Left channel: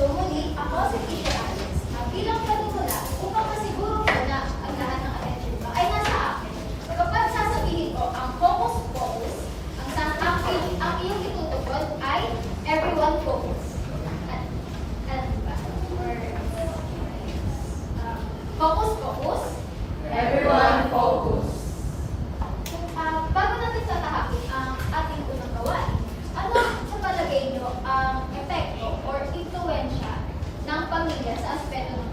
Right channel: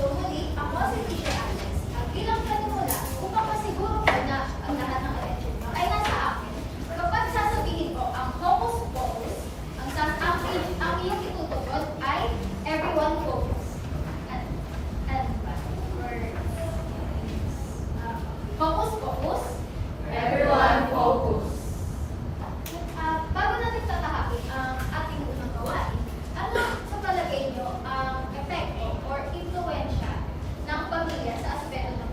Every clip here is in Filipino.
So muli, ako si Teacher Alex. Bilang panumula, upang masiguro ko na ang lahat ng attention nyo ay nasa akin. Kapag sasabihin ko ang focus, ang iyong itutugon ay everyone focus. Ano ba? Or, focus, Everyone focus. bago natin tatahakin ang ating unang gawain, ano sa palagay nyo ang epekto or influensya ng pamilya sa aspeto ng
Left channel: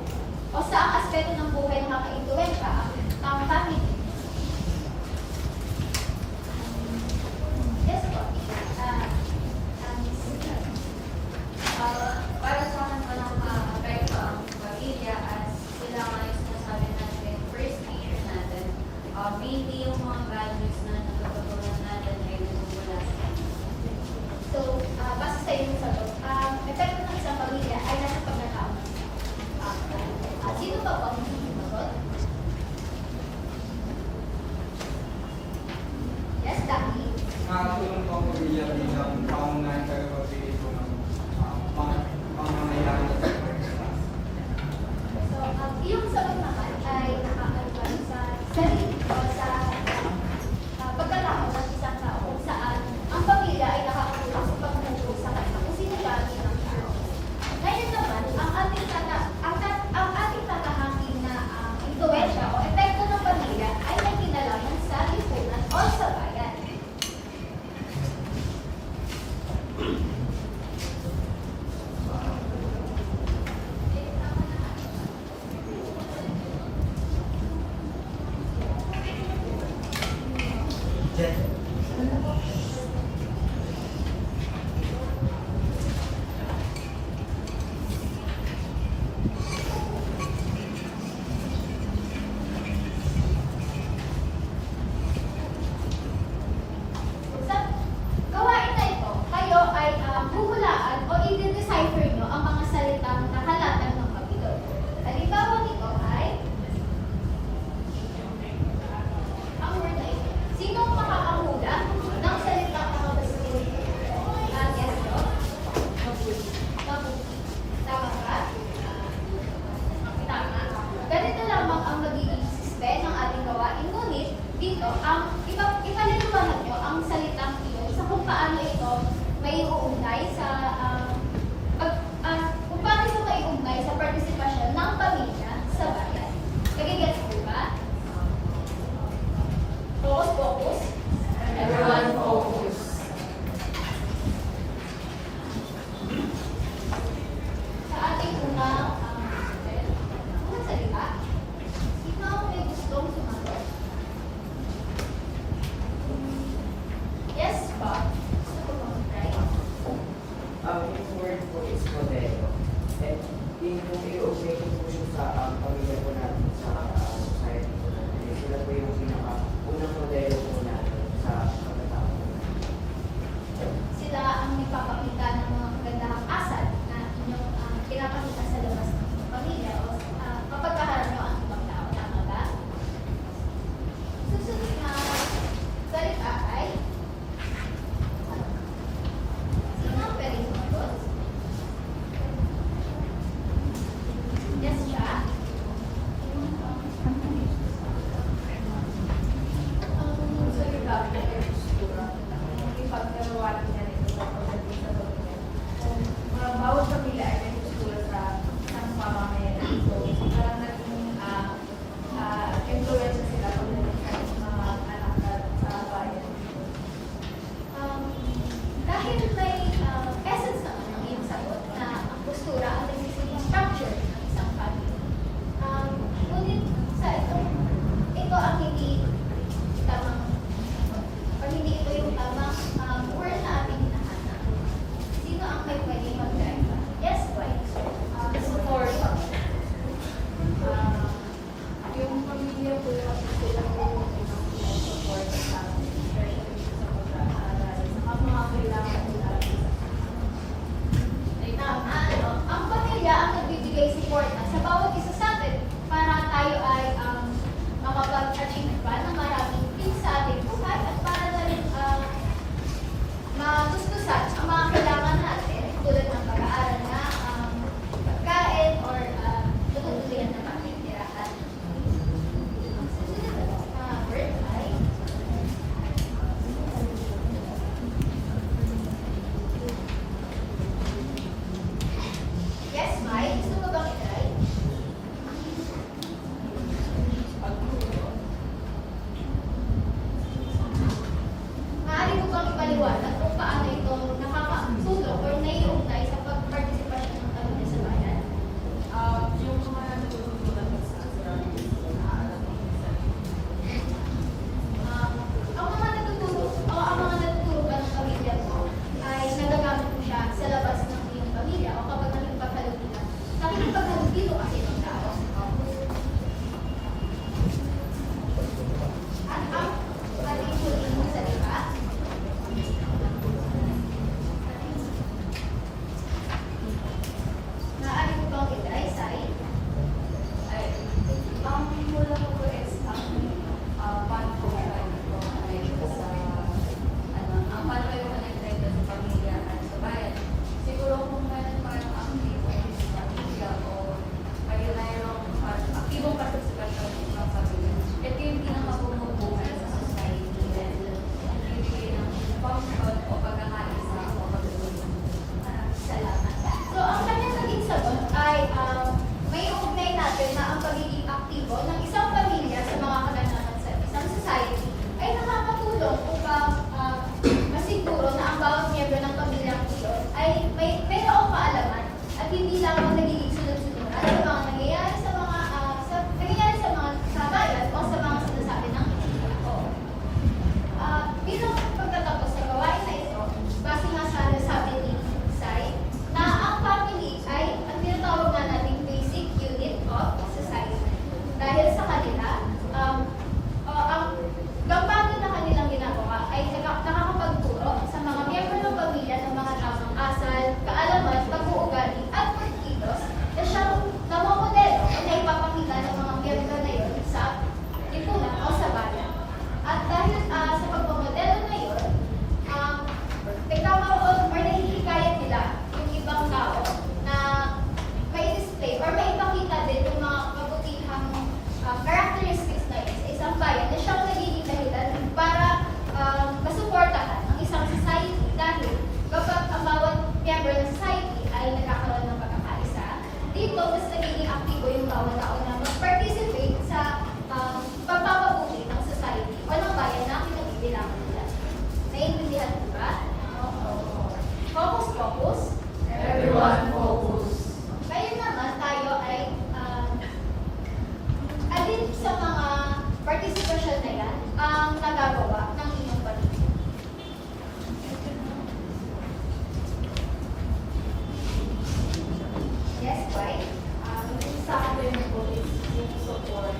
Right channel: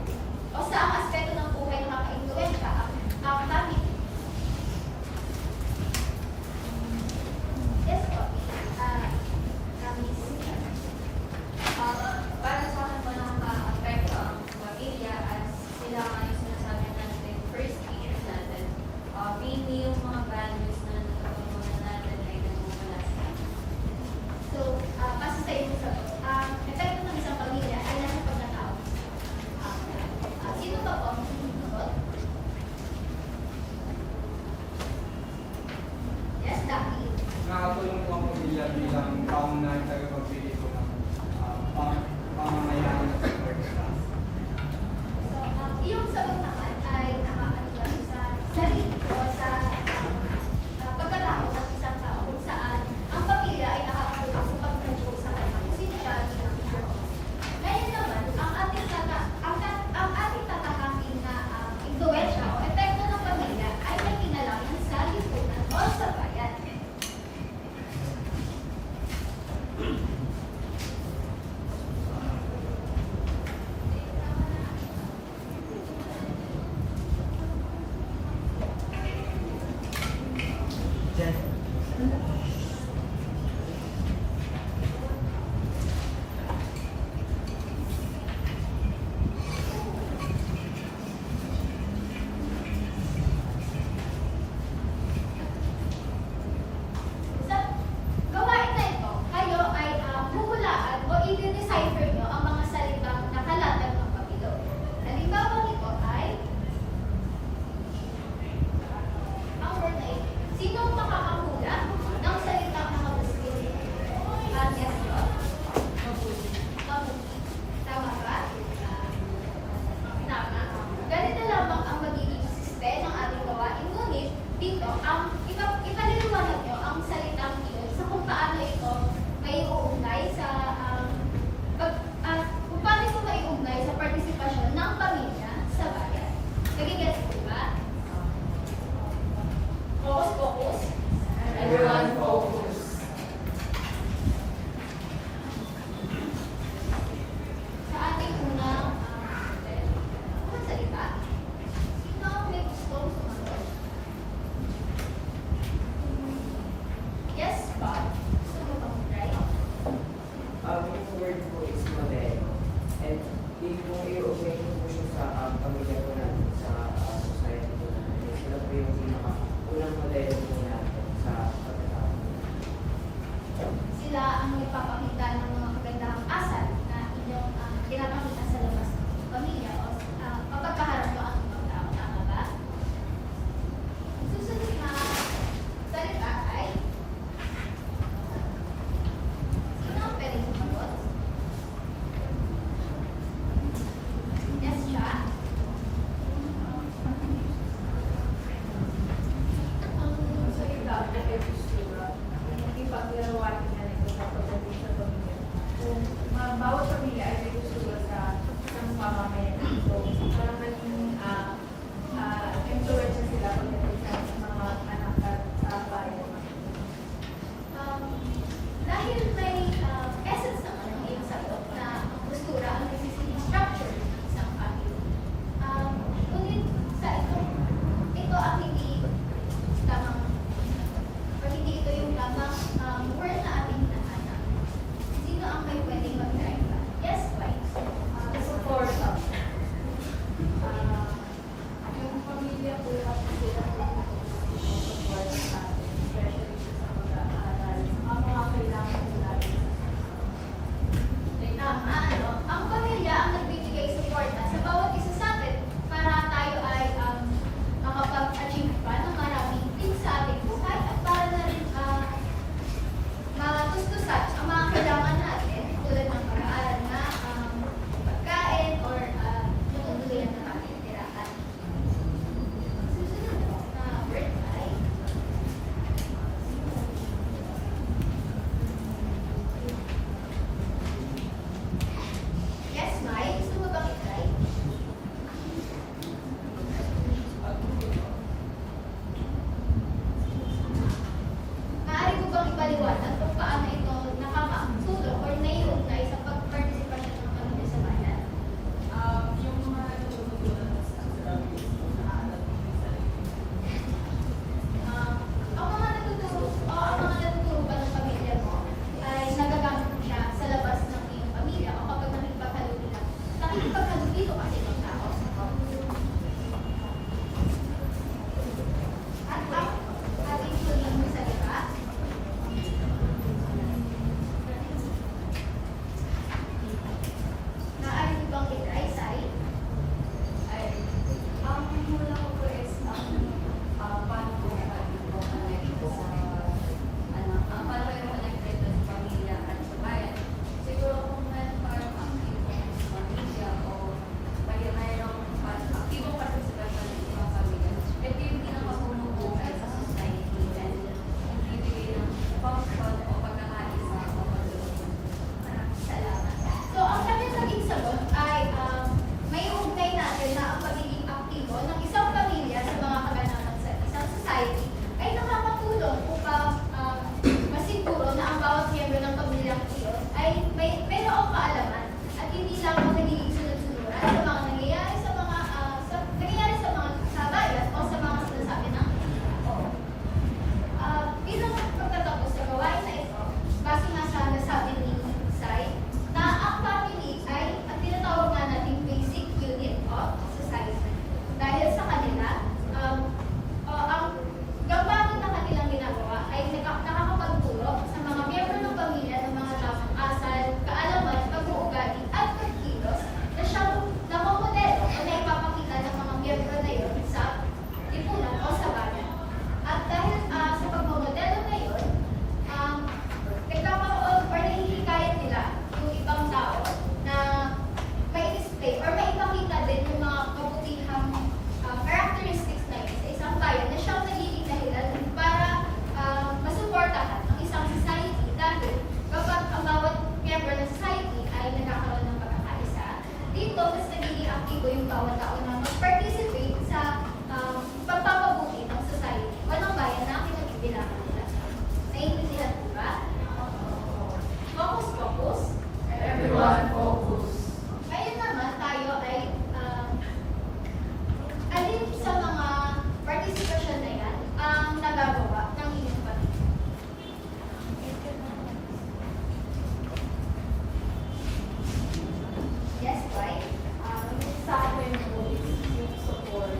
o sa ang aspeto ng buhay na nakaka-influensya ang family? Yes po. Para sa akin po nakaka-apekto ang pamilya as sila nga yung sinasabi natin first years natin. Mainly yung mga values na natutunan natin ay nagmumula sa kanila. So, base sa iyong sagot, epekto ng isang pamilya ay nasa pagkatao. Sino pa po ang sumagot? Yes, Daki. Nakatulong po ang pamilya bilang pangunahing tagapagpili ko ng pangangailangan sa pagkakas. So, iyong sagot naman ay nakakaliwan sa sarili o sa pagkatao ng isang tao kung saan ang pamilya ay nakakatulong sa pagtulong sa kanya kung sino gano'n ng tao. Ngayon naman, ang ating tatahaking na influensya o epekto ng pamilya ay may kinalaman sa lipunan o sa bayan. Sa gawain na ito, kayo ay huhulaan o i-decipher nyo ang mga salitang nakalatag ng kapilo. Halimbawa nito ay ang word ay sino ang makakahula ng salitang nakapagsabi? Yes, no? Mabuti. Tama ba? Tama. Ganito lamang ang magiging system ng ating gawain. Ngunit, dito, ipaliliwanag nyo ang salitang ito sa kung paano ito may uugnay sa kung paano ito may uugnay sa partisipasyon ng pamilya sa bayan. Nagigets po ba? Focus. Everyone focus. Sa ating unang salita, sino ang may gustong sumagot? Yes, Bob. Gusto ko mag-try? Yung word po is modelo. And yun po i-observe po siya sa pamilya po natin, sa society po natin. Sila po yung unang modelo po natin sa pagkatao po natin. Sila ang nagpapakita ng mga magandang asal na inyong pinapakita sa labas ng pamilya o kapag kaharap nyo ang ibang tao. Tama ba? Susunod na salita ay sino ang pwedeng sumagot? Yes, siya. Ang salita ay postura. Ipagkalawanan na ito sa pagdating sa pamilya. dito, mas nagiging aktibo yung bawat tao na mag-participate sa pagpapabuti ng society o ng bayan na pinagbibilangan nila. Naiintindihan mo ba? Focus, focus. Everyone focus. Ngayon naman tayo ay alin sa mga participation na yan ang nagagawa ng inyong pamilya. Yes, why? Sa akin po is yung support.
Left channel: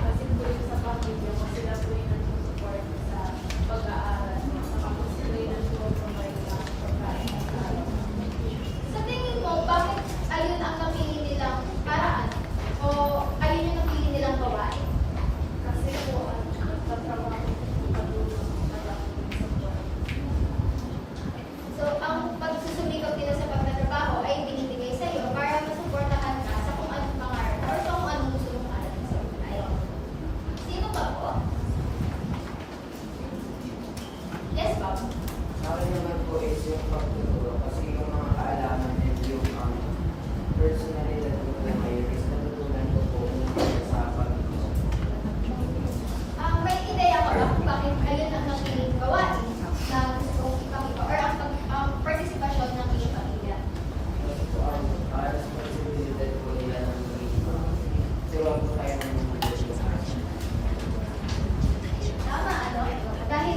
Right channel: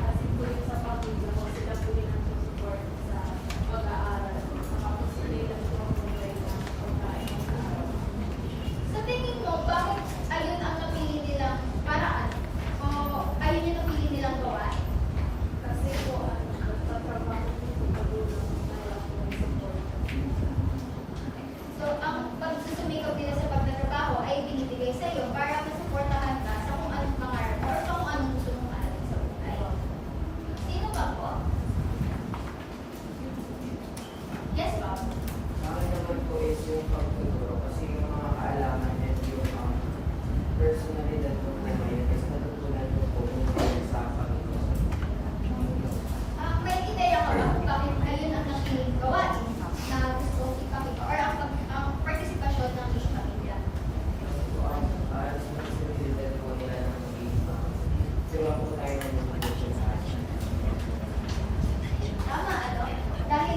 Kasi po rin sa pamilya ko, sila po yung nag-support sa pag-aaral. Saka sila yung nag-support sa pagkain. Sa tingin mo, bakit ayun ang napili nilang paraan? O ayun yung napili nilang gawain? Kasi po, sa trabaho ko po padulong na lang po yung support. So, ang pagsusumikap nila sa pagtatrabaho ay binibigay sa iyo para masuportahan ka sa kung anong pangarap or sa kung anong gusto mong aralin sa buhay. Sino pa po? Yes, Bob? Sa akin naman po is yung pagtuturo kasi yung mga kaalaman and yung personalidad ko po ngayon is natutunan ko po yung mga sa pagtuturo. May ideya ka ba kung bakit ayun ang napiling gawain na gusto ipakita or ang partisipasyon ng iyong pamilya? Kasi po ang responsibilidad po nila ng tulong po tayo ng mga Tama, ano? Dahil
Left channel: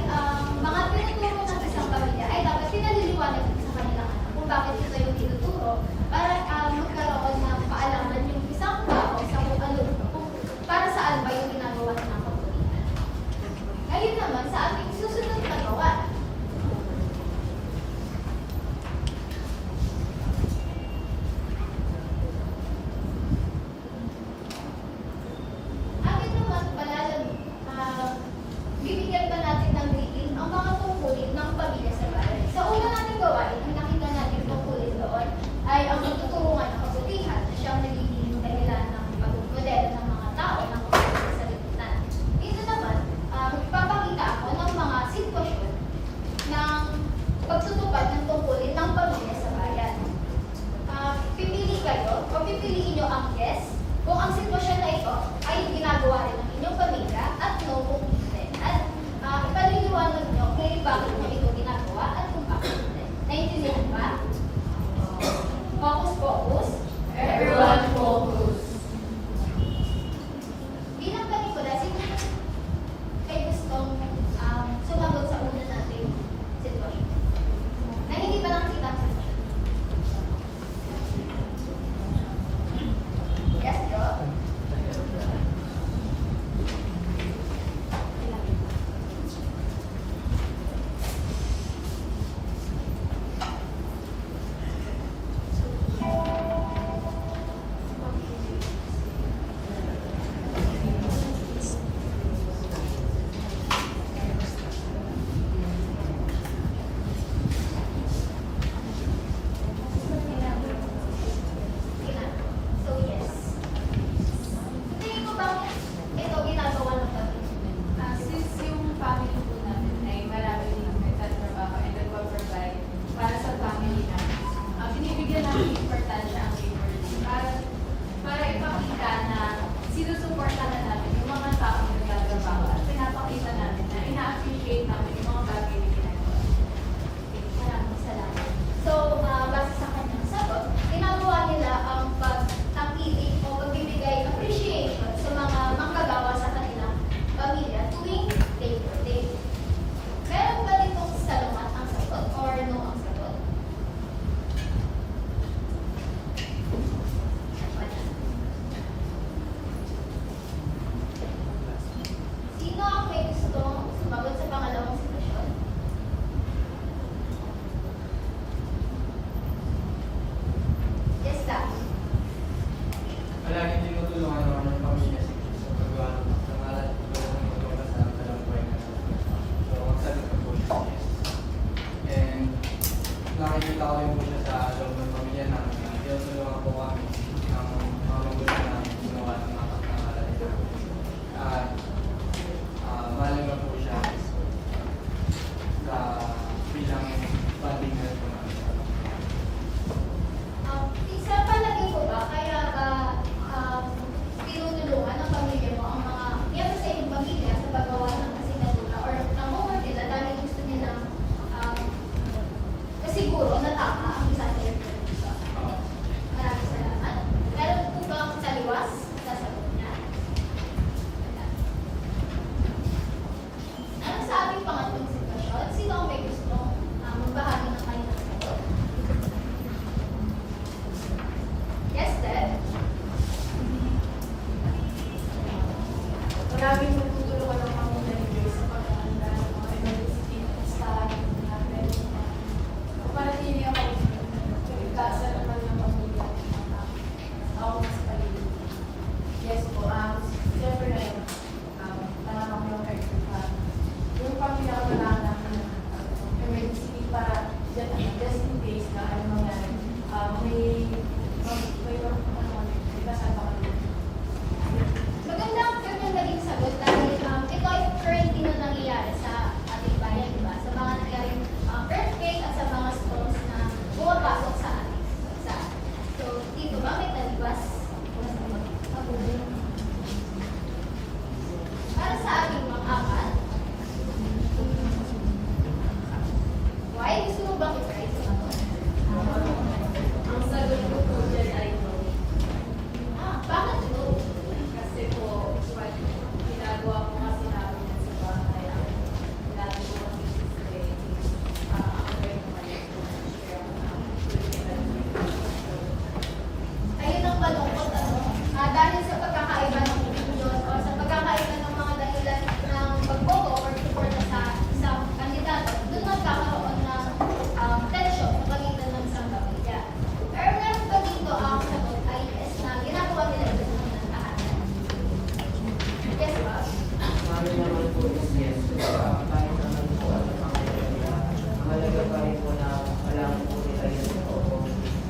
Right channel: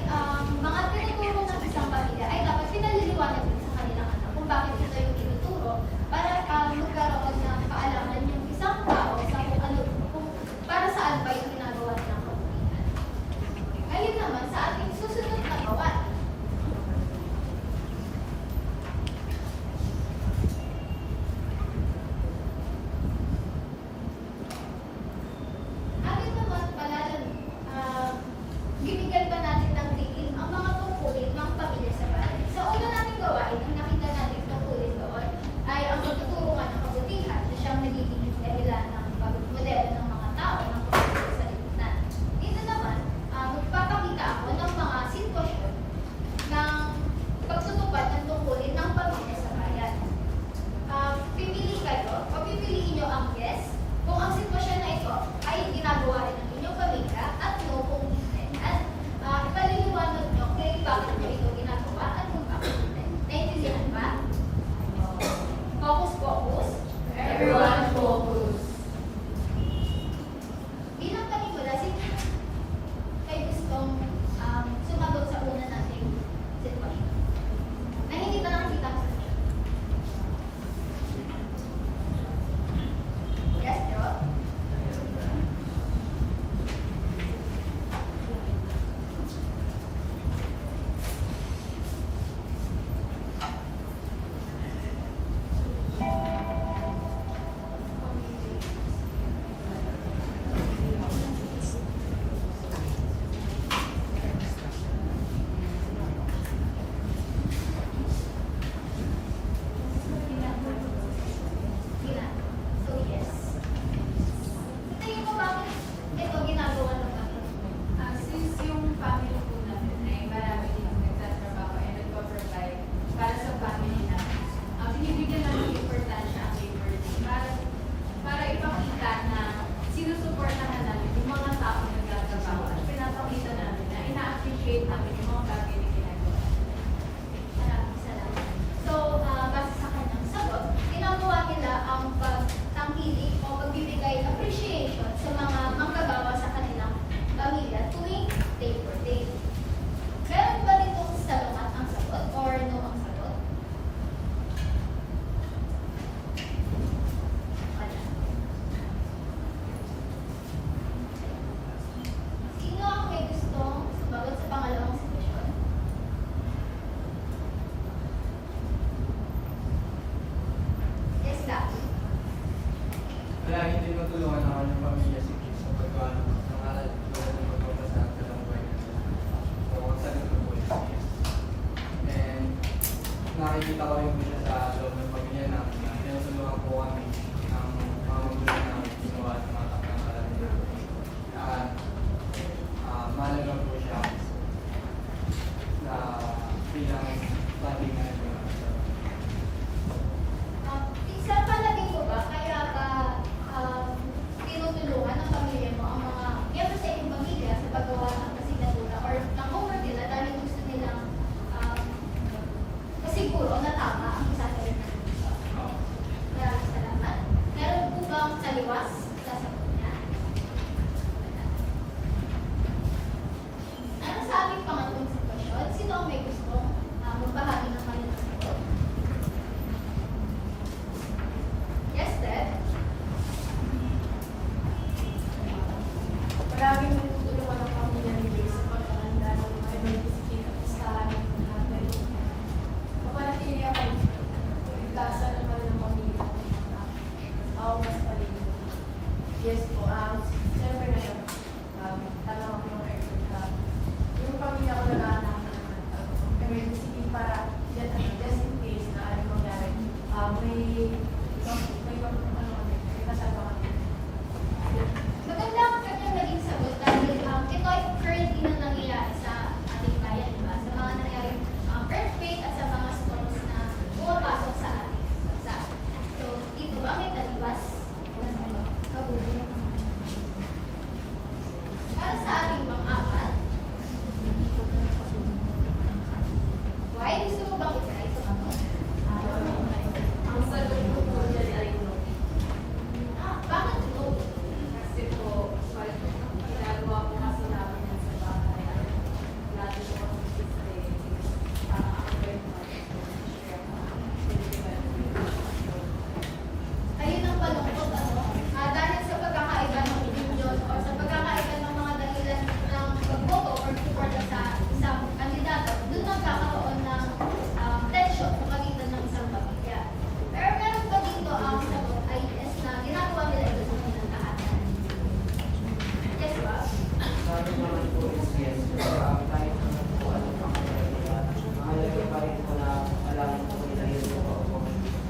mga tinuturo ng isang pamilya ay dapat pinaliliwanag din sa kanilang anak kung bakit ito yung tinuturo para magkaroon ng kaalaman yung isang tao sa kung ano, kung para saan ba yung ginagawa ng kabutihan. Ayun naman sa ating susunod na gawain. Atin naman bibigyan pa natin ng greeting ang mga tungkulin ng pamilya sa bahay. Sa una nating gawain, ang nakita natin tungkulin doon ay ang pagtuturuan ng kabutihan na siyang nagiging dahilan ng pagmodel ng mga tao ng kabutihan sa lipunan. Dito naman, magpapakita ako ng mga sitwasyon ng pagtutupad ng tungkulin ng pamilya sa bayan. Pipili kayo o pipiliin nyo ang yes kung ang sitwasyon na ito ay ginagawa rin ng inyong pamilya at no kung hindi. At ipaliliwanag nyo kung bakit nyo ito ginagawa at kung bakit hindi. Naintindihan ba? Focus, focus. Everyone focus. Bilang pelikula, sino ay gustong sumagot sa una nating sitwasyon? Na hindi pa nakikita ang sagot. Yes, bro? laging tutulungan ng pamilya ni Joyce sa pagkakanda ng mga emergency sa natin. Kapanatili ako, kaligtasan naman ng pamilya at mga ako mas paligid. Yes po, siyempre na yun, tama ko ng heart. Yung pamilya ko na namin emergency para just in case na ano mangyari, may kasal pa kami. Magandang naging sagot dahil ito ay currently na nangyayari sa ating bayan, diba? Sa mga nangyaring earthquake at sa mga storms na bumapasok sa ating bansa. So, dito ba may talbas? Para sa ating pang-apat, why gusto mo bang i-try sa bato? Ang sagot ko po dyan ay no. Bakit no? Kasi po, pag ginagawa po kasi namin yan sa bahay, lagi ko kasi ako rin naman po. Ayun ang malungkot, ano? Dahil sa pagkakaiba ng opinion o sa pagkakaiba ng mga dahilan ng pagboto or support sa isang kandidato, doon magkakaroon ng tension sa pagitan ng isang pamilya. Pero meron pa dito ang sagot ay yes na ginagawa nila ito sa kanilang tahanan. Yes ba? Kami naman po is yes. Tayo naman po at pakilala. Mahalaga pa rin po na kailangan po nila yung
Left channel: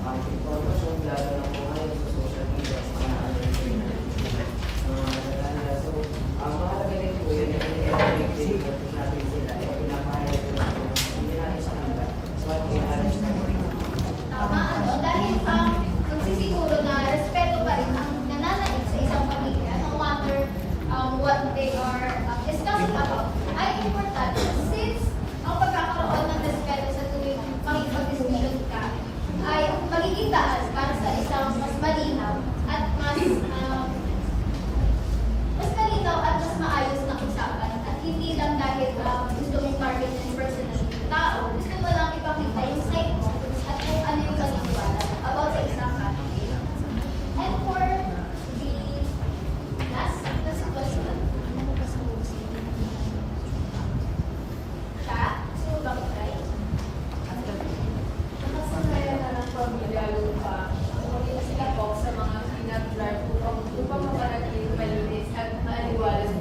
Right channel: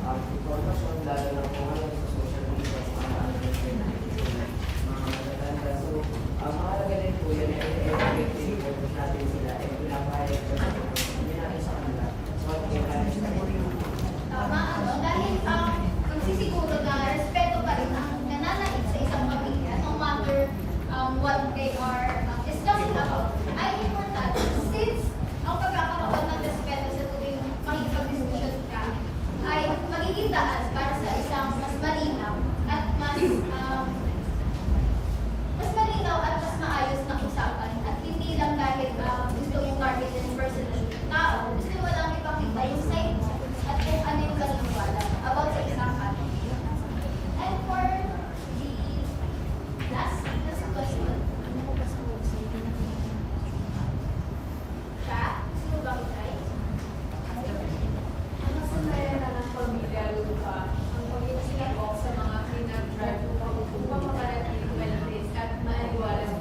impormasyon, lalo na po sa social media, mga nalala. So, mahalaga rin po yun. I-update natin sila. Pinapahayag ko na hindi natin sa kanila. So, at i-manage na po rin. Tama, ano? Dahil magsisiguro na respeto pa rin ang nananaig sa isang pamilya no matter what they are discussing about ay importante since ang pagkakaroon ng respeto sa tuwing makipag-discussion ka ay magiging daan para sa isang mas malinaw at mas malinaw at mas maayos na usapan at hindi lang dahil gusto mong targetin personally yung tao, gusto mo lang ipakita yung side mo at kung ano yung paniniwala about sa isang topic. And for the last question, siya, sino ba ko try? Nakasanayan na ng pamilya lupa, umuwi sila po sa mga pinag-drive upang makarating malinis at maaliwalas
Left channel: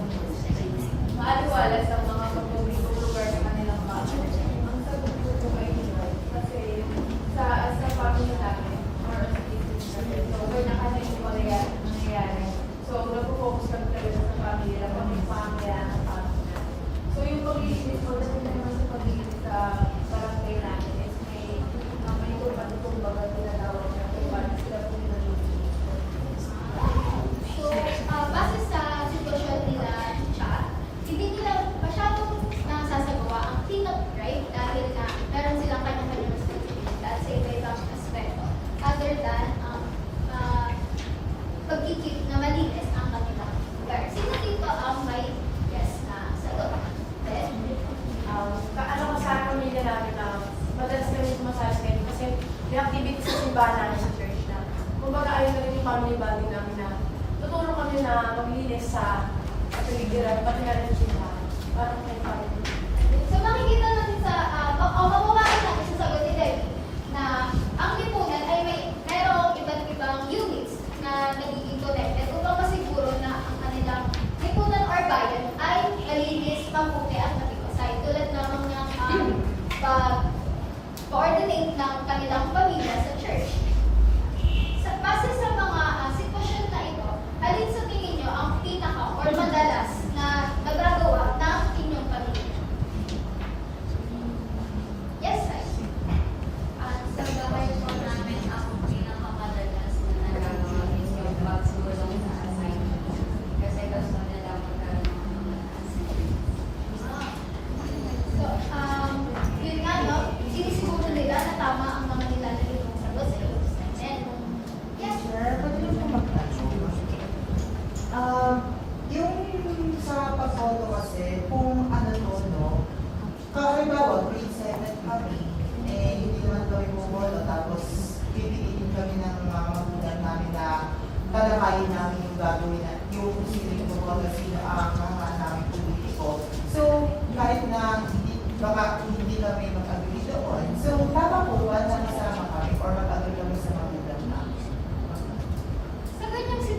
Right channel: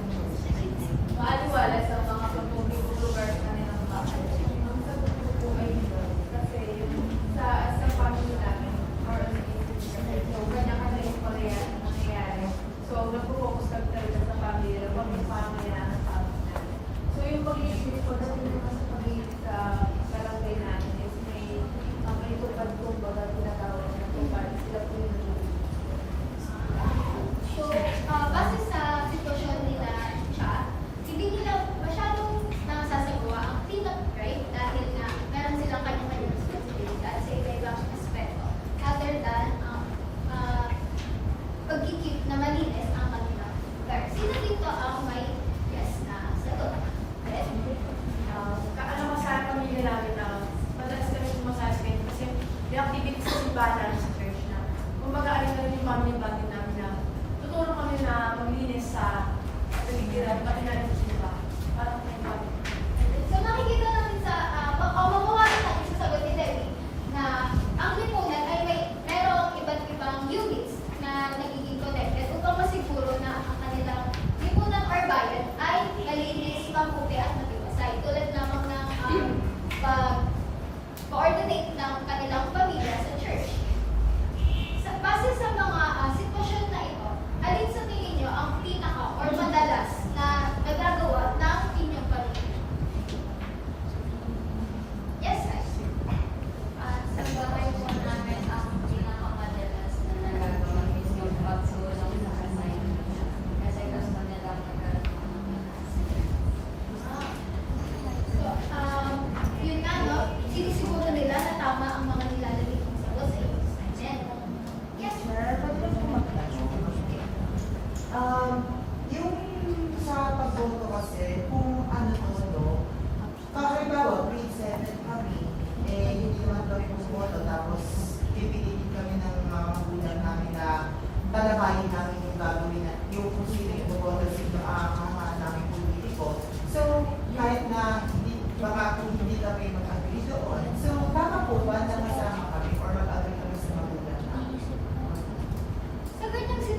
sa mga pagpupulong lugar sa kanilang bahay. Ang sagot ko po ay no. Kasi sa family namin, or so, kanya-kanya yung nangyayari. So, nag-focus kami talaga sa family na kung yung pangyayan ng family. So, yung pag-iisip ko, dahil naman sa pag-iisip sa barangay namin is may kumbaga tinatawag na kumbaga sila po yung nalulungkot. So, base sa sitwasyon nila siya, hindi nila masyadong nasasagawa ang cleanup drive dahil na meron silang kanya-kanya responsibilidad sa iba-ibang aspeto other than ang pag-keep na malinis ang kanilang lugar. Sino dito ang may yes na sagot? Then, Ano ko sa pamilya namin na madalas kami kumasali kayo kasi may activity sa simbahan namin sa church na kumbaga ayun na rin yung family bonding namin na tutulong kami na maglinis sa paligiran, pati na rin yung simbahan. Parang may family. so makikita natin sa, mawawala natin sa sagot ni Debbie na ang lipunan ay merong iba't ibang units na nagiging connected upang masiguro na ang kanilang lipunan or bayan ay malinis, mabuti at matibasay. Tulad namang ng pag-coordinate ng kanilang pamilya sa church. Base sa mga sitwasyon na ito, alin sa tingin nyo ang pinaka or madalas na nagagawa ng inyong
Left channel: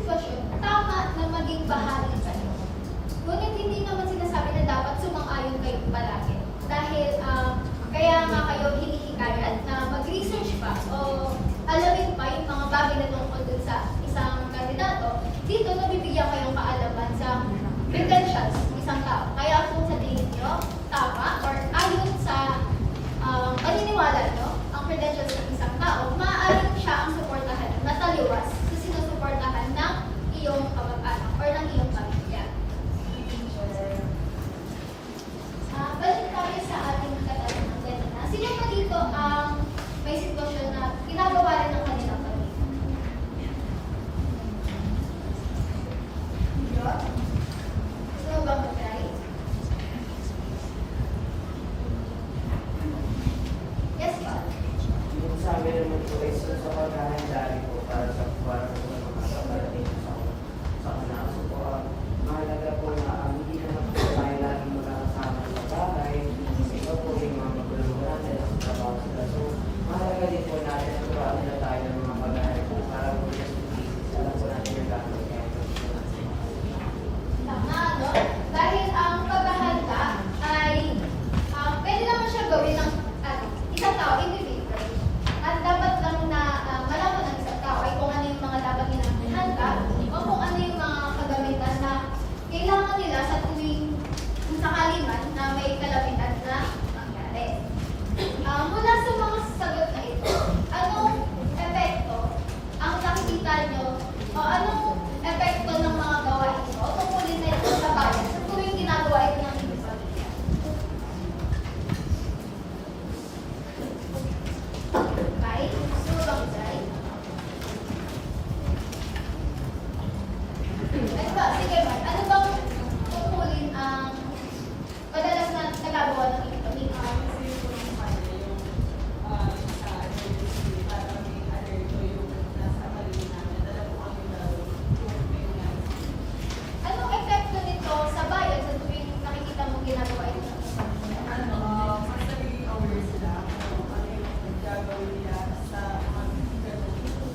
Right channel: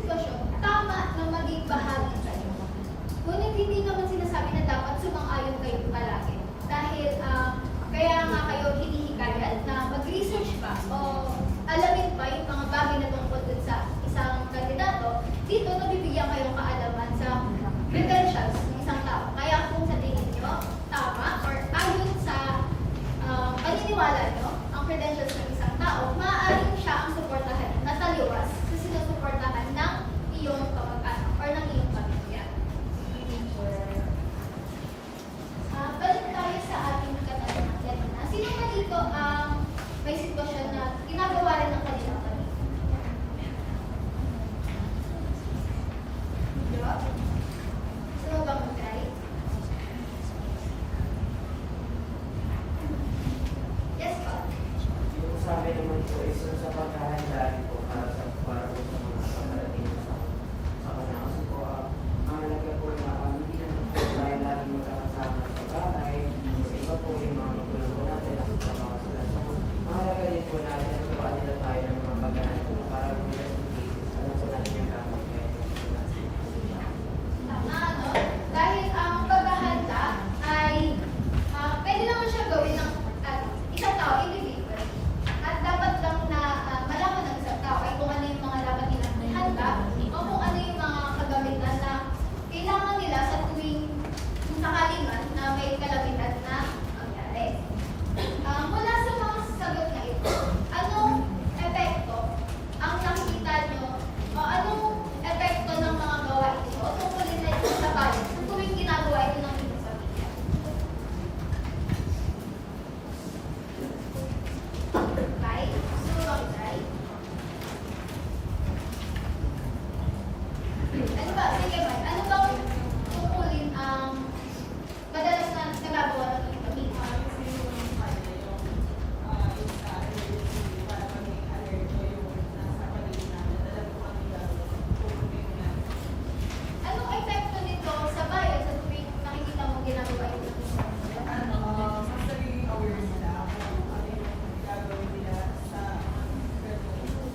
sitwasyon, tama na maging bahagi kayo. Ngunit hindi naman sinasabi na dapat sumang-ayon kayo palagi. Dahil kaya nga kayo hinihikayat na mag-research pa o alamin pa yung mga bagay na tungkol dun sa isang kandidato. Dito, nabibigyan kayong kaalaman sa credentials ng isang tao. Kaya kung sa tingin nyo, tama or ayon sa paniniwala nyo, ang credentials ng isang tao, maaaring siya ang suportahan na taliwas sa sinusuportahan ng iyong kamag-anak or ng iyong pamilya. Balik tayo sa ating katanungan kanina. Sino ba dito ang may sitwasyon na ginagawa rin ng kanilang pamilya? Gusto mo ba mag-try? Yes, pa. Yung sa amin naman po is yung sa paghahanda nito para po sa mga pagdating sa kanaso po. Mahalaga po na hindi naman po tayo lagi magkakasama sa bahay. Yung iba po yung mga magulungan natin at sa bawat sila. So, mahalaga din po natin na turuan nila tayo ng mga pagdating po para po sa business. Alam po natin yung dapat kaya po. Tama, no? Dahil ang paghahanda ay pwede naman siya gawin ng isang tao, individual. At dapat lang na malaman ng isang tao ay kung ano yung mga dapat nilang ihanda o kung ano yung mga kagamitan na kailangan nila sa tuwing kung sakali man na may kalamitan na mangyari. Mula sa mga sagot na ito, anong epekto ang nakikita nyo o anong epekto ng mga gawain nyo o tungkulin na ito sa bayan sa tuwing ginagawa ito ng inyong pamilya? Bye. Gusto mo bang try? Ano ba? Sige ba? Ano bang tungkulin ang madalas na nagagawa ng inyong pamilya? Anong epekto nito sa bayan sa tuwing nakikita mo ginagawa ito ng inyong pamilya?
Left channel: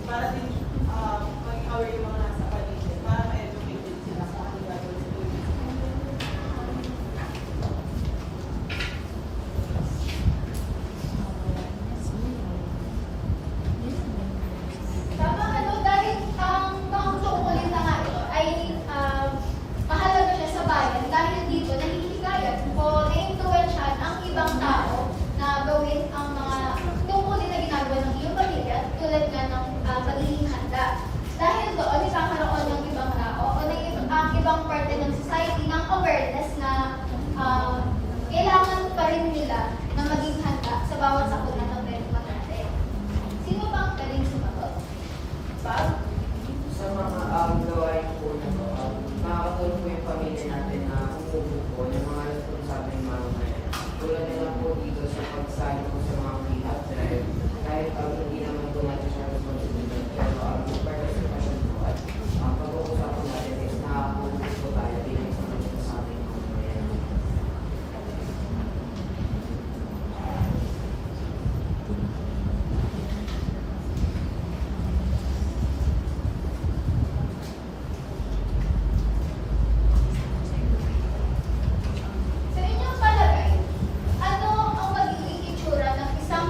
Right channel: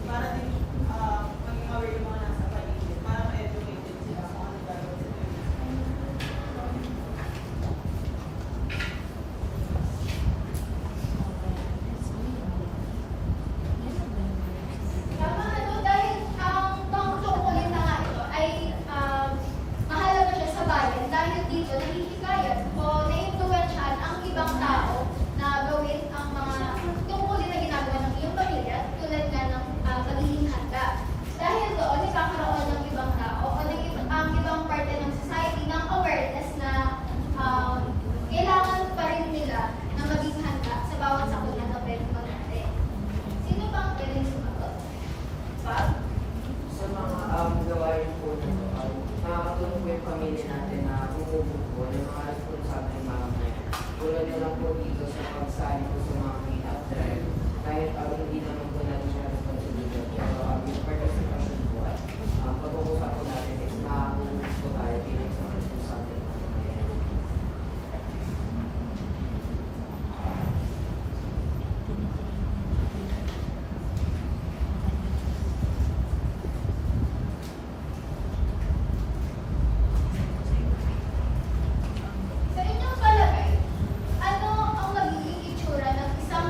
Para din maging aware yung mga nasa paligid, para ma-educate din sila kung ano gagawin sa tuwing. Tama, dahil ang tungkulin na nga ito ay mahalaga siya sa bayan dahil dito nahihikayat o na-influensyahan ang ibang tao na gawin ang mga tungkulin na ginagawa ng iyong pamilya tulad nga ng pagiging handa. Dahil doon, ikakaroon ng ibang tao o ang ibang parte ng society ng awareness na kailangan pa rin nila na maging handa sa bawat sakuna ng pwede natin. Sino ba ang pwedeng sumagot? Bob? Sa mga gawain po na makakatulong po yung pamilya natin na umuubod po ng mga responsable ng mga ngayon. Tulad na lang po dito sa pagsali po sa mga clean-up drive. Kahit hindi naman po natin siya responsibility. Pero yung participation po at pag-uusap po natin is nakakatulong po tayo bilang sa responsable ng mga ngayon. Sa inyong palagay, ano ang magiging itsura ng isang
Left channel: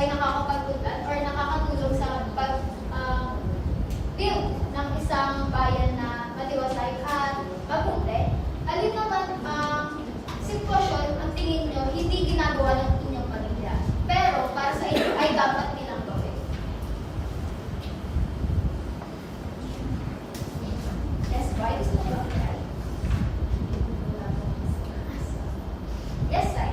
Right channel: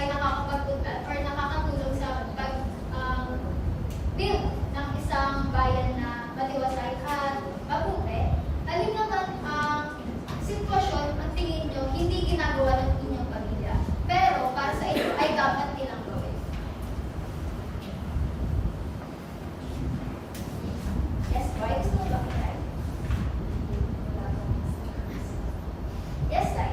ay nakakapagdudlan or nakakatulong sa build ng isang bayan na matiwasay at mabuti? Alin naman ang sitwasyon ang tingin nyo hindi ginagawa ng inyong pamilya, pero para sa inyo ay dapat nilang gawin? Yes, boy, gusto mo ba? Right? Yes, Sai.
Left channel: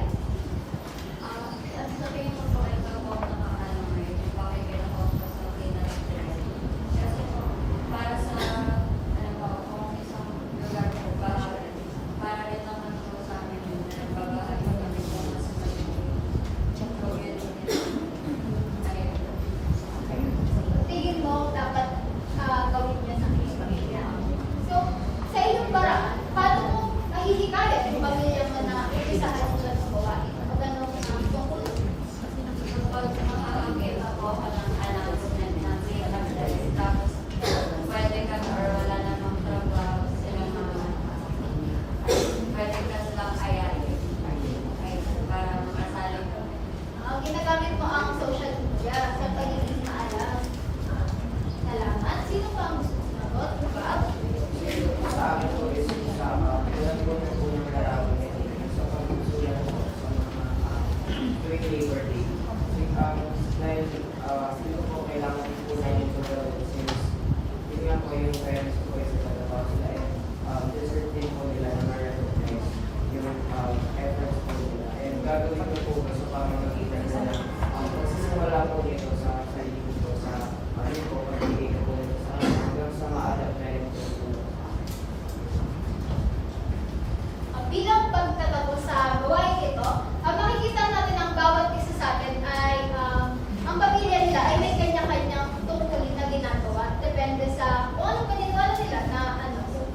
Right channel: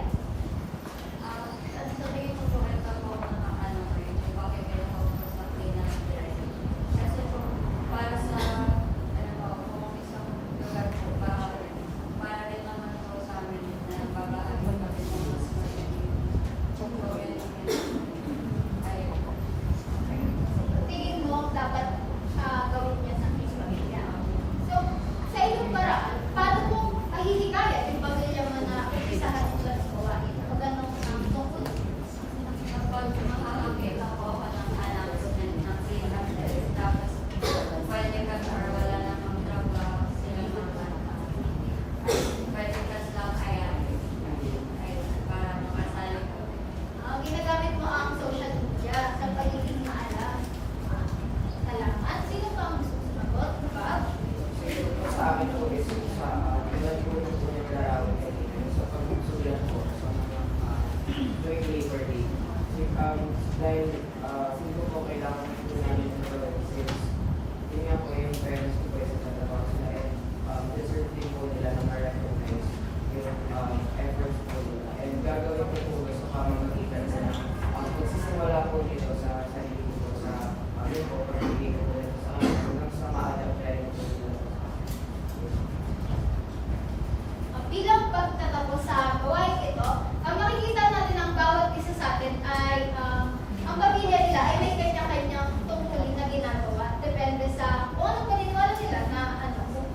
Sa tingin ko po, ito po ang nakakalong rin. Bakit kailangan ko sa finance director? Kasi po, para sa, ano po, kung isang lugar po, para rin naman po sa amin yun na babahay po kami po mas Tingin mo dapat gawin niya sa inyong pamilya. So, sa iyong paraan, paano mo ahihikayat yung pamilya mo na ipisahan mo sa gawain? O ganun ang tungkol? Kapag makakakita po ako ng announcement ng CMS, tapos pwede ka or wala namang trabaho sila mga pwede ka silang ayayin. Ay, para makasali ka. Ginagamit mo ang social media sa pagiging maalam. Salamat. Sino pa ang gusto sumagot? Bob? Ito po sa amin po is sa tulad po ng unang larawan sa pagsusulat po sa mga tuwing Labor Day. Dahil sino po kailangan din po namin sa mga since yun nga po yung parents ko po sa trabaho sila ay deserve din po nila na ma-recognize yung efforts po nila. And gagawin ko po sa pamamagitan nila pagsisimula po nito sa sarili ko po sa yun po pag-ibigay po nito sa kanila hanggang sa ma-adapt na rin po nila. Bilang pagtatapos sa gawain ito, makikita natin ang bawat isa sa atin ay ang pamilya nila ay may kanya-kanyang tungkulin na ginagawa. Depende sa kung anong paniniwala nila na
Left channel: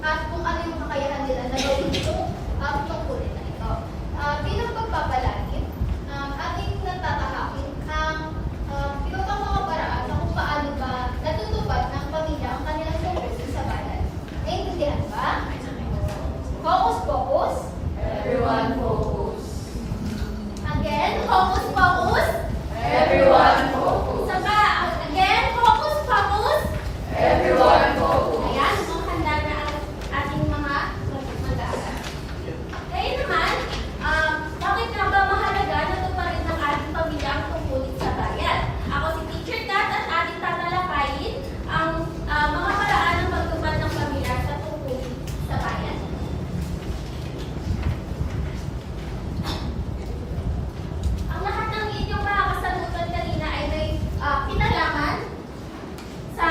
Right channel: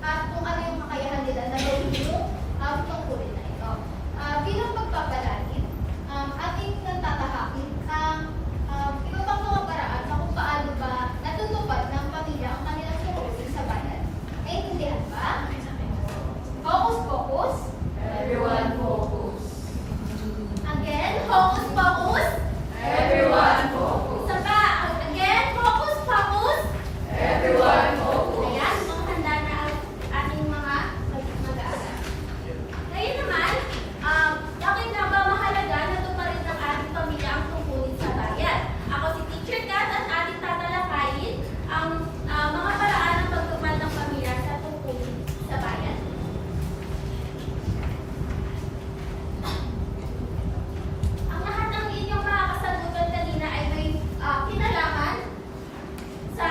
at kung ano yung kakayahan nila na gawin yung tungkulin na ito. Bilang pagpapalagin, ating natatahakin ang iba pang mga paraan na kung paano ba natutupad ng pamilya ang kanilang tungkulin sa bayan. Naintindihan ba? Focus, focus. Everyone focus. Again, focus, focus. Everyone focus. Isa pa. Again, focus, focus. Everyone focus. Ayan, mukhang handa na ang ating mga mag-aaral. Ngayon naman, bakit nga ba mahalaga na tuparin ng ating pamilya ang tungkulin sa bayan? Ako si Teacher Kat at ating tatalakayin ang mga paraan ng pagtupad ng pamilya sa tungkulin sa bayan. Ang lahat ng inyong makakasagutan kanina ay may kinalaman sa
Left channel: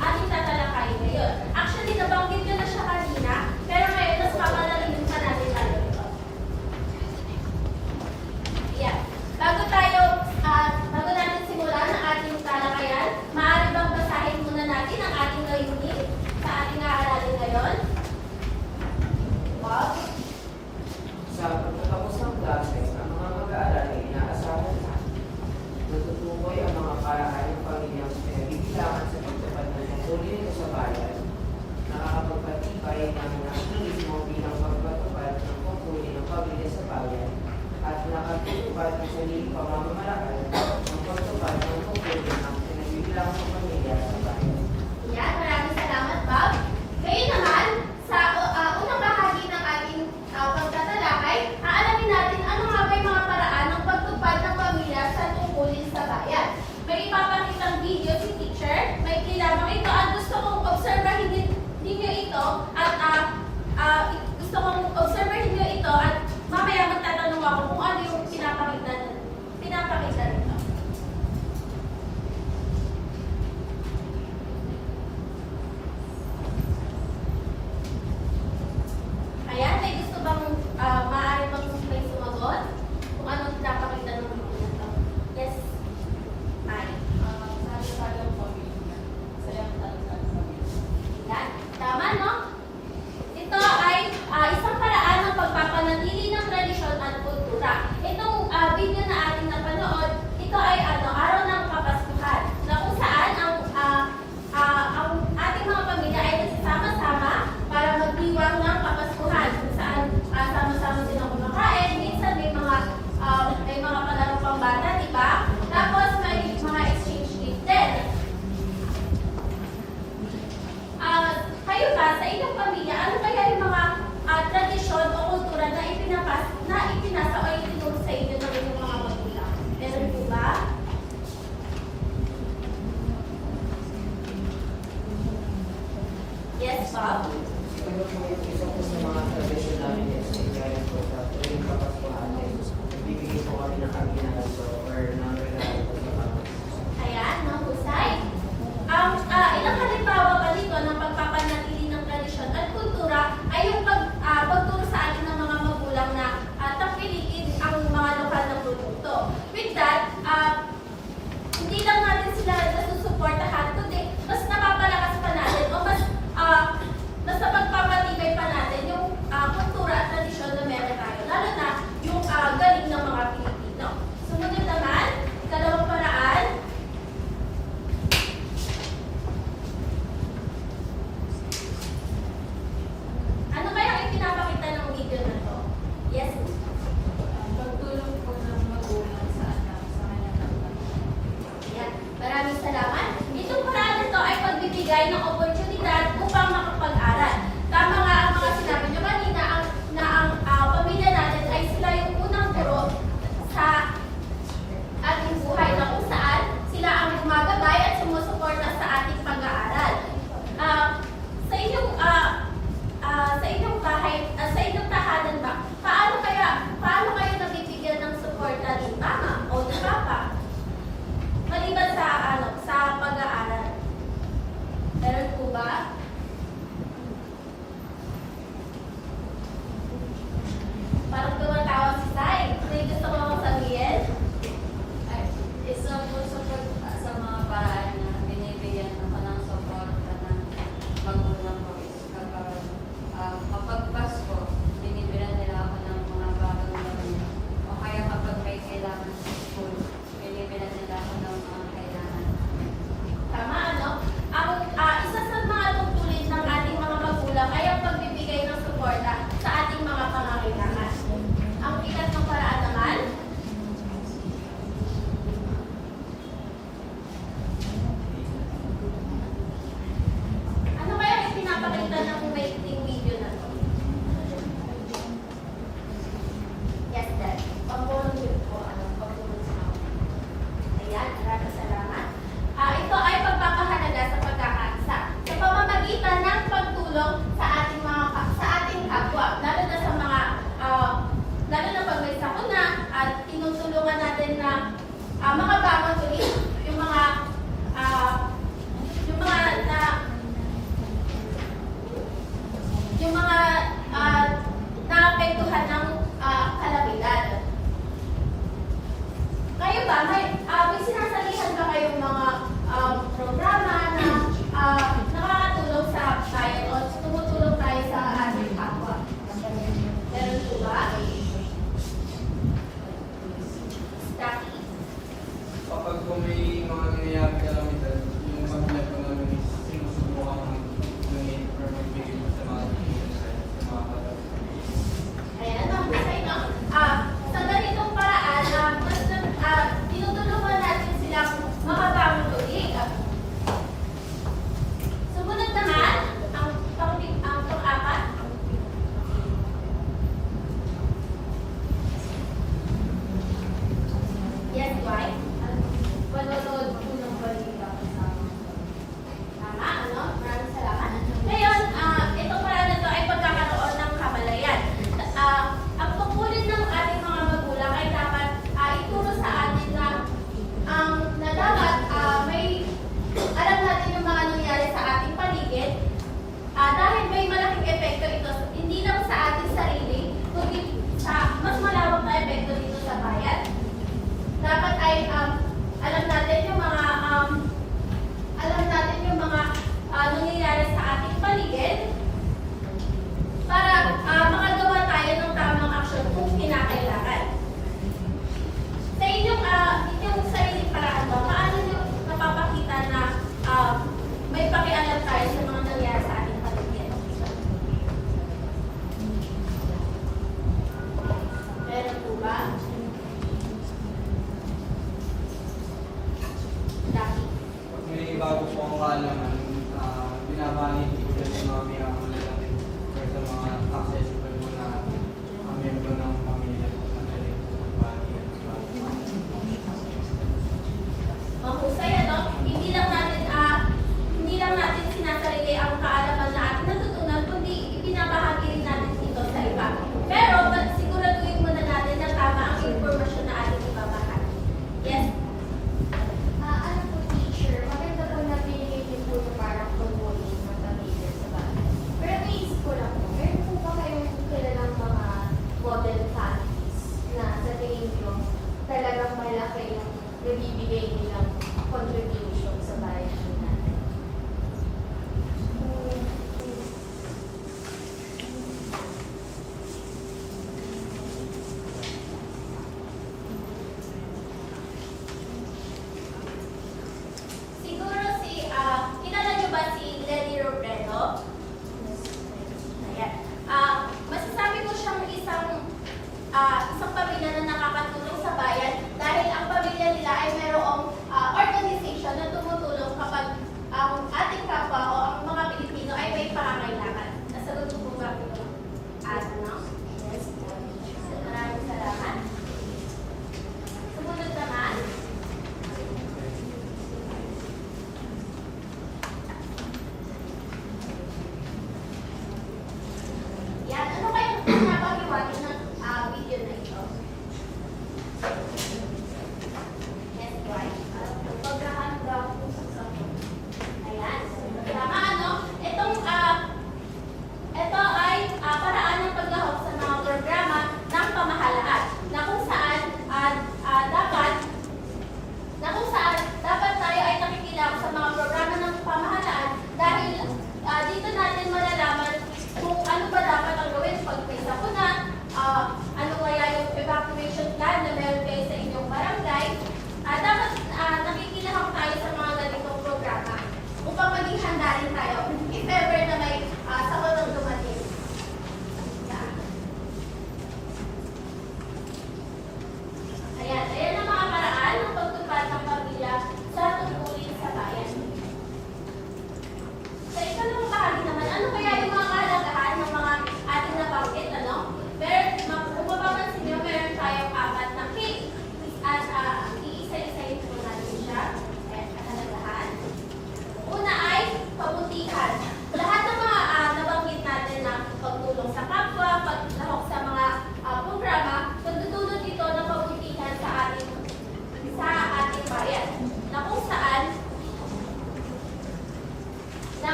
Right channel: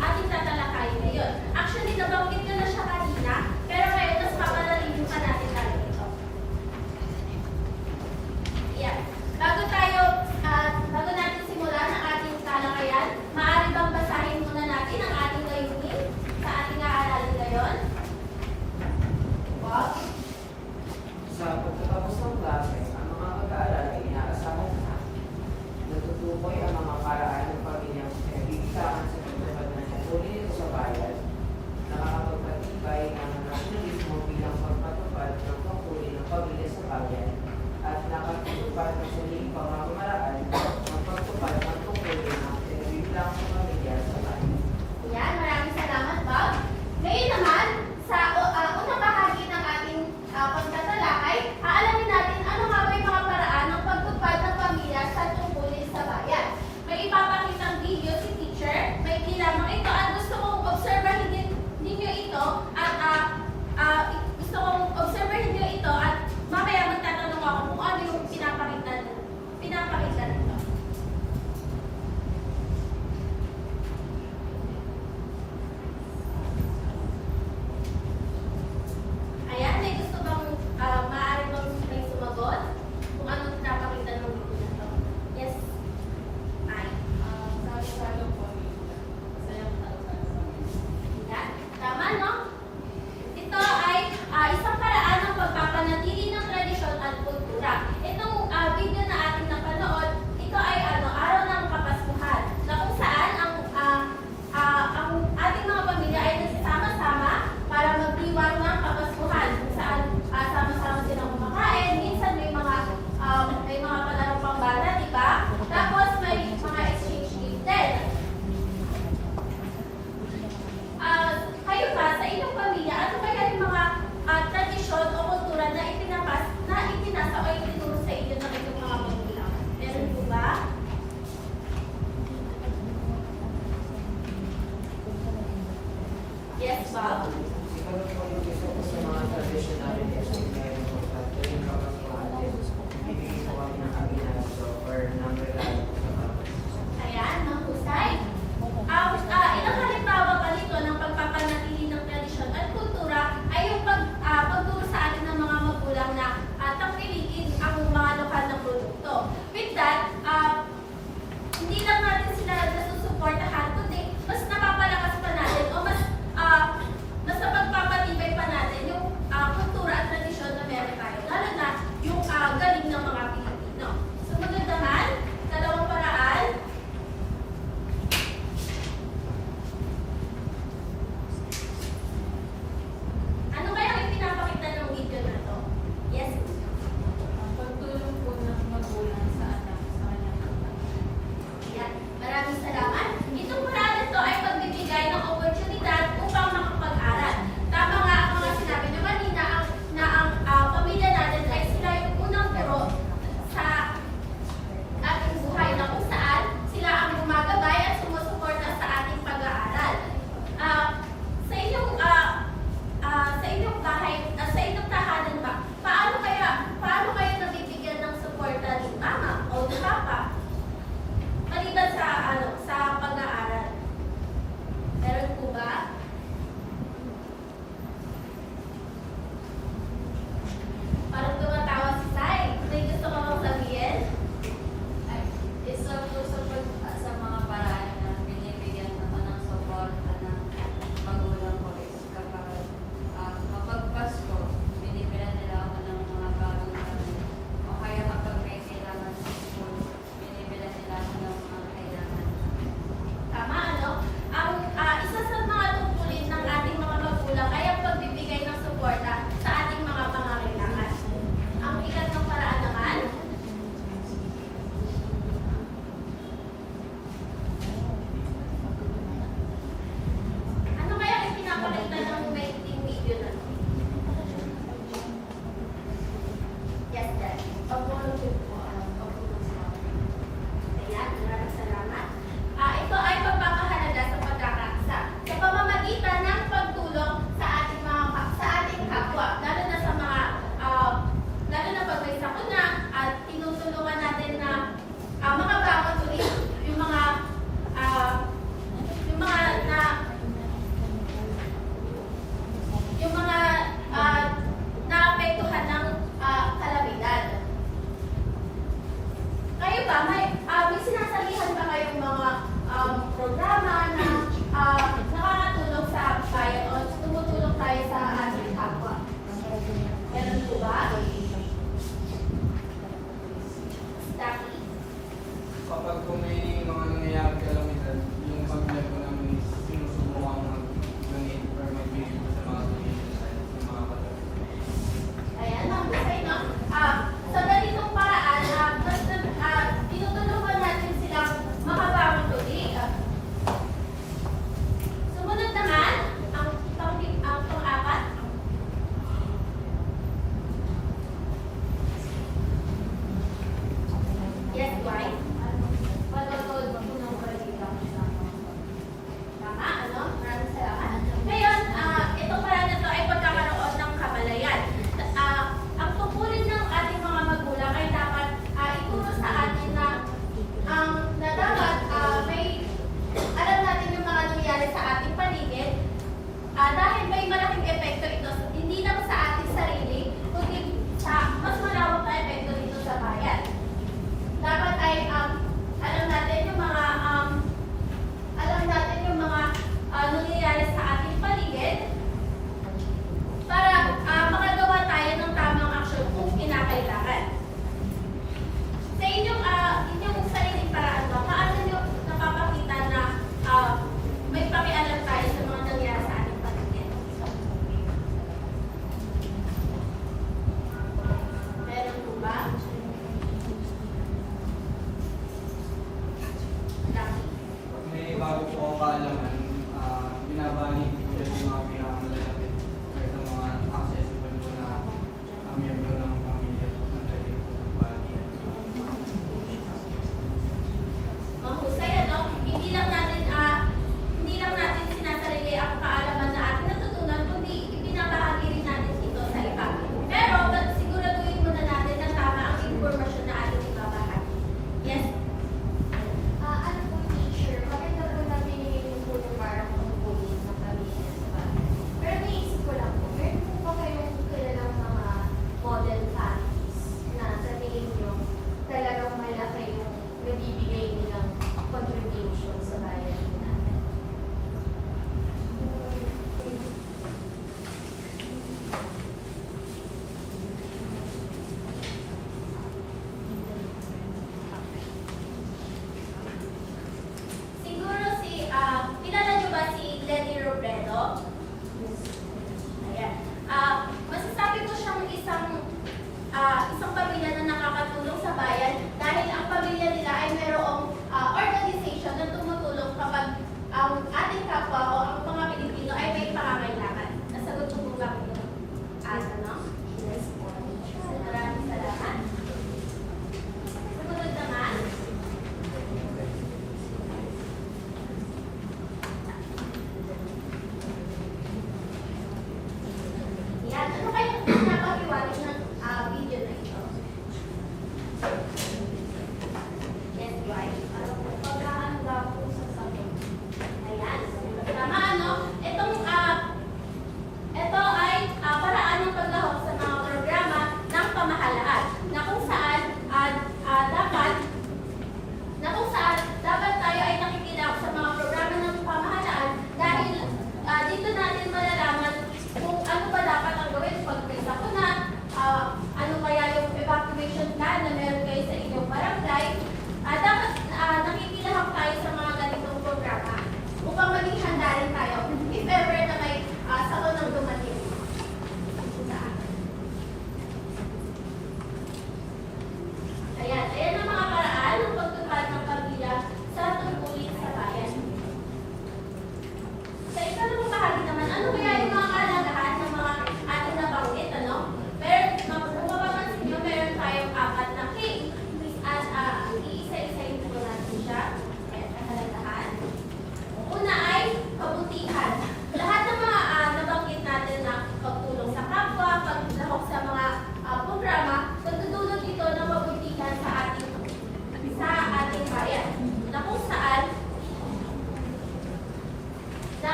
ating tatalakayin ngayon. Actually, nabanggit ko na siya kanina, pero ngayon mas papalalim pa natin tayo ito. Yan. Bago natin simulan ang ating talakayan, maaari bang basahin muna natin ang ating layunin sa ating aaralin ngayon? Wow. Sa pagtatapos ng klase, ang mga mag-aaral ay inaasahan na natutukoy ang mga paraan ng pamilyang pinagbibilangan sa pagtupad ng tungkulin nito sa bayan, nakakapagpatibay ng nasyonalismo bilang pagpatupad ng tungkulin ng pamilya sa bayan, at nakatutupad ng sariling pamamamaraan ng pagtupad ng tungkulin ng pinagbibilangan sa pamilya sa bayan. Yan, maraming salamat, Bob. Ngayon naman, sa unang bahagi ng ating pagtatalakay, aalamin natin ano nga ba yung mga paraan ng pagtupad ng pamilya sa tungkulin sa bayan. May ipapakitang video si teacher, may lamang ito at gusto kong obserbahin ninyo ito at gusto kong obserbahin ninyo ito at mamaya magtatanong ako kung ano yung pinapakita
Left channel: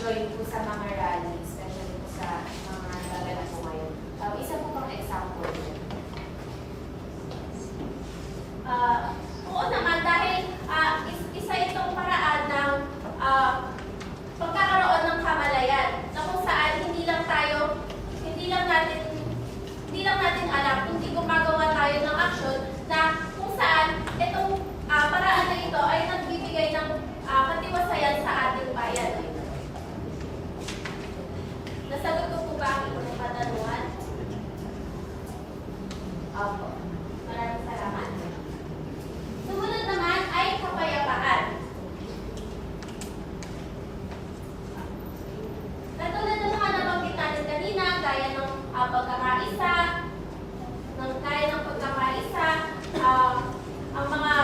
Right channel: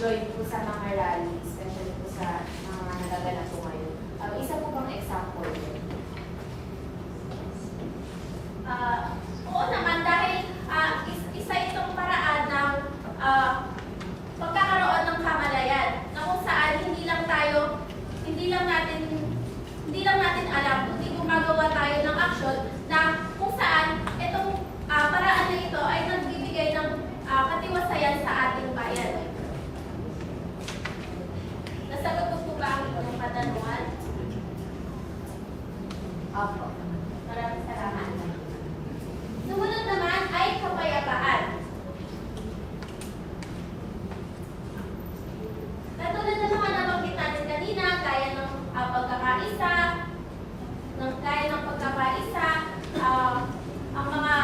mag-join po sa mga rallies, especially po sa mga naganap po ngayon. Isa po bang example? Oo naman, dahil isa itong paraan ng pagkakaroon ng kamalayan na kung saan hindi lang natin alam, kundi gumagawa tayo ng aksyon na kung saan itong paraan na ito ay nagbibigay ng katiwasayan sa ating bayan. Nasagot ko po ba ang inyong katanungan? Opo. Maraming salamat. Sumunod naman ay kapayapaan. Katulad ng mga nabanggit natin kanina, gaya ng pagkakaisa, ang mga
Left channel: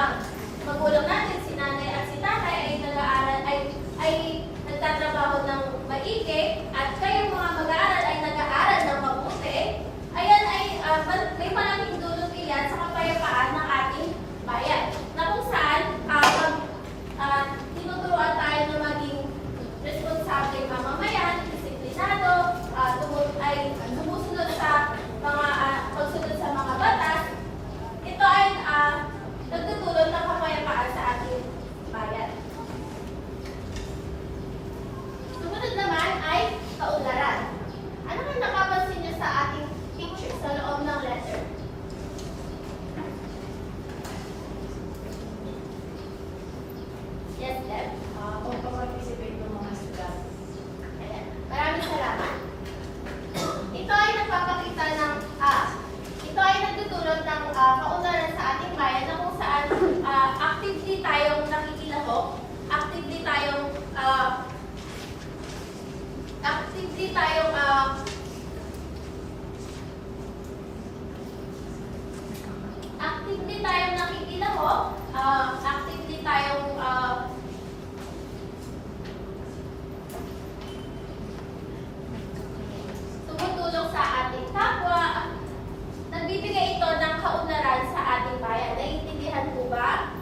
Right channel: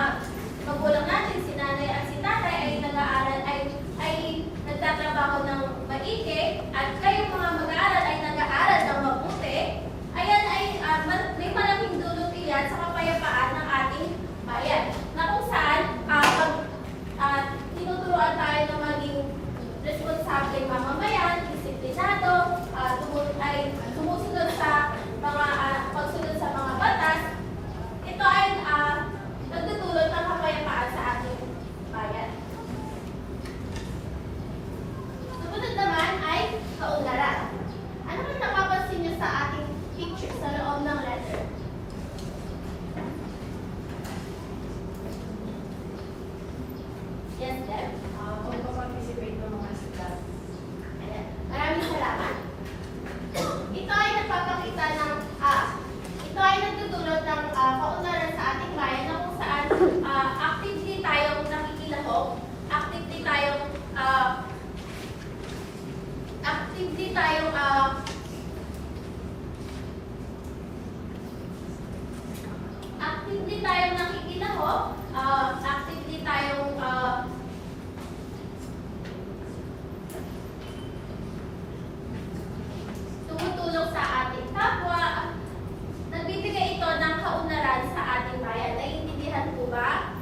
magulang natin, si nanay at si tatay ay nag-aaral, ay nagtatrabaho ng maigi, at kayo mga mag-aaral ay nag-aaral ng mabuti. Ayan ay may malaking dulot iyan sa kapayapaan ng ating bayan. Na kung saan, tinuturuan tayo na maging responsable mamamayan, disiplinado, ay sumusunod sa mga pagsunod sa mga batas. Ito ay nagtutulot ng kapayapaan sa ating bayan. Sumunod naman ay kaunlaran. Ano ang nakapansin niyo sa ating picture sa loob ng letter? Yes, Deb? Pag-participate ng mga estudyante. Ayan. Maraming salamat. Ito ay nagpapakita ng, ito ay nagtutulot ng kaunlaran sa ating bayan na kung saan actively tayong nakikilahok, actively tayong nakikilahok, actively tayong tumutulong sa ating kapwa. Nagbibigay ito ng kaunlaran sa ating bayan. Naiintindihan po ba?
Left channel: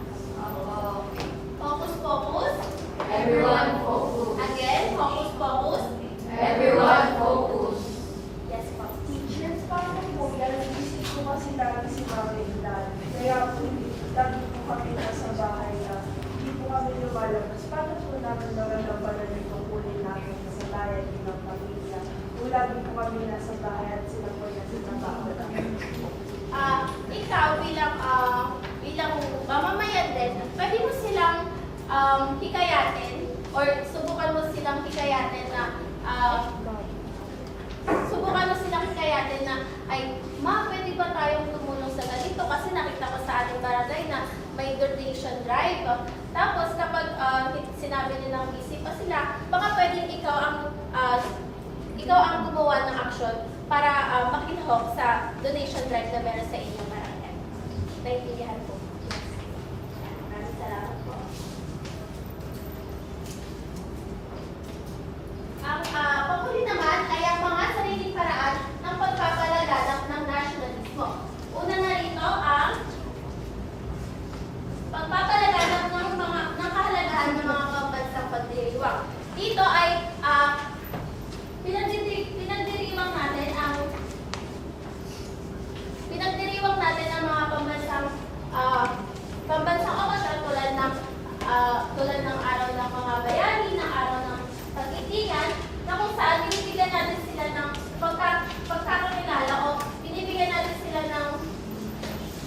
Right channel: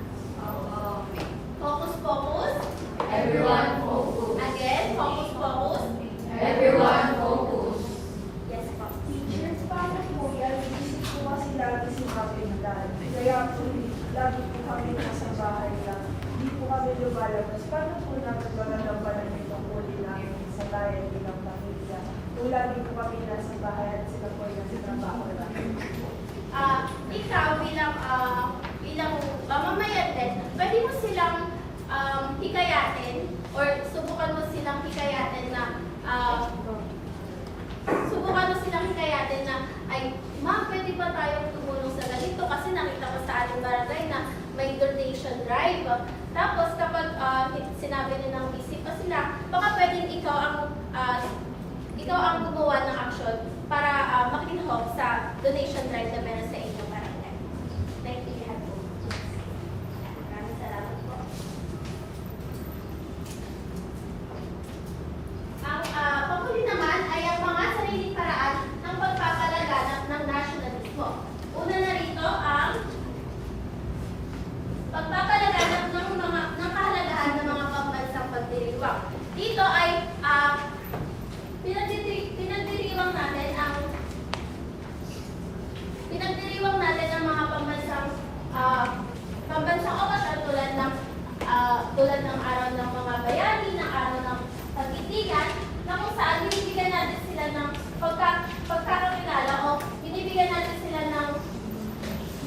Focus, focus. Everyone focus. Again, focus, focus. Everyone focus. Yes, po. Teachers, paano po yan? Nagising ko kasi lagi si Mami Inday. Kaya po, lagi po kami nasa bahay lang. Hindi po kami lumalabas. Paano po namin naman nabalan ito kunin namin sa bayan bilang pamilya? Kung lagi po kami nasa bahay at sila po yung sinabaho lang. Ikaw bilang mamamayan din, pwede mo silang hikayatin or subukan mo silang hikayatin na ay, ma, pwede ba tayong tumulong sa ganito? Kasi nakita ko sa ating barangay na may donation drive. Tapos kapag sinabi nila busy pa sila, baka pwedeng ikaw ang gumawa ng aksyon para makilahok sa donation drive na meron sa inyong barangay. Naintindihan po. Maraming salamat po. Ang panghuli naman ay ang mga sariling paraan ng pagpapalaganap ng nationalismo. Una na rito ang pagpapalaganap ng kahalagahan ng mga pambansang pagdiriwang. Dito ay pinagdiriwang natin ang mga pambansang okasyon tulad ng araw ng mga bayani, ng araw ng pagtitigan, na kung saan binibigyan natin sila ng pagkakakilala o binibigyan natin sila ng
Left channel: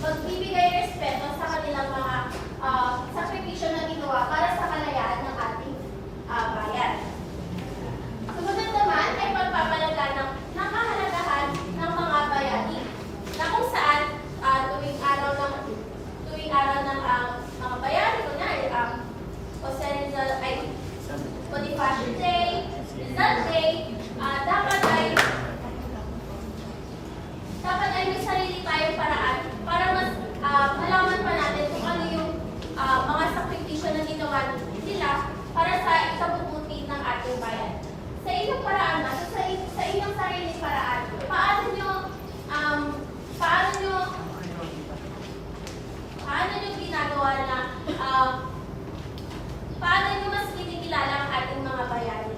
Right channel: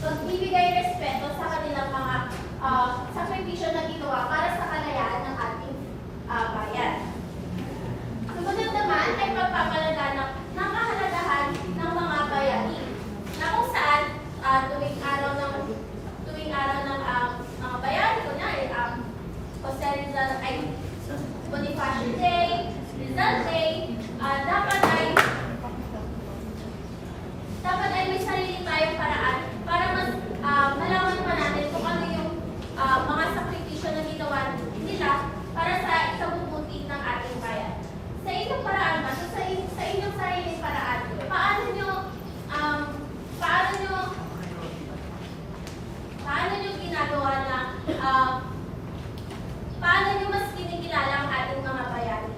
pagbibigay respeto sa kanilang mga sakripisyo na ginawa para sa kalayaan ng ating bayan. Sumunod naman ay pagpapalaganap ng kahalagahan ng mga bayani, na kung saan tuwing araw ng mga bayani, kunwari, Bonifacio Day, Rizal Day, dapat ay may sarili tayong paraan para mas malaman pa natin kung ano yung mga sakripisyo na ginawa nila para sa ikabubuti ng ating bayan. Sa inyong paraan, sa inyong sariling paraan, paano nyo ginagawa na paano nyo mas kinikilala ang ating mga bayani?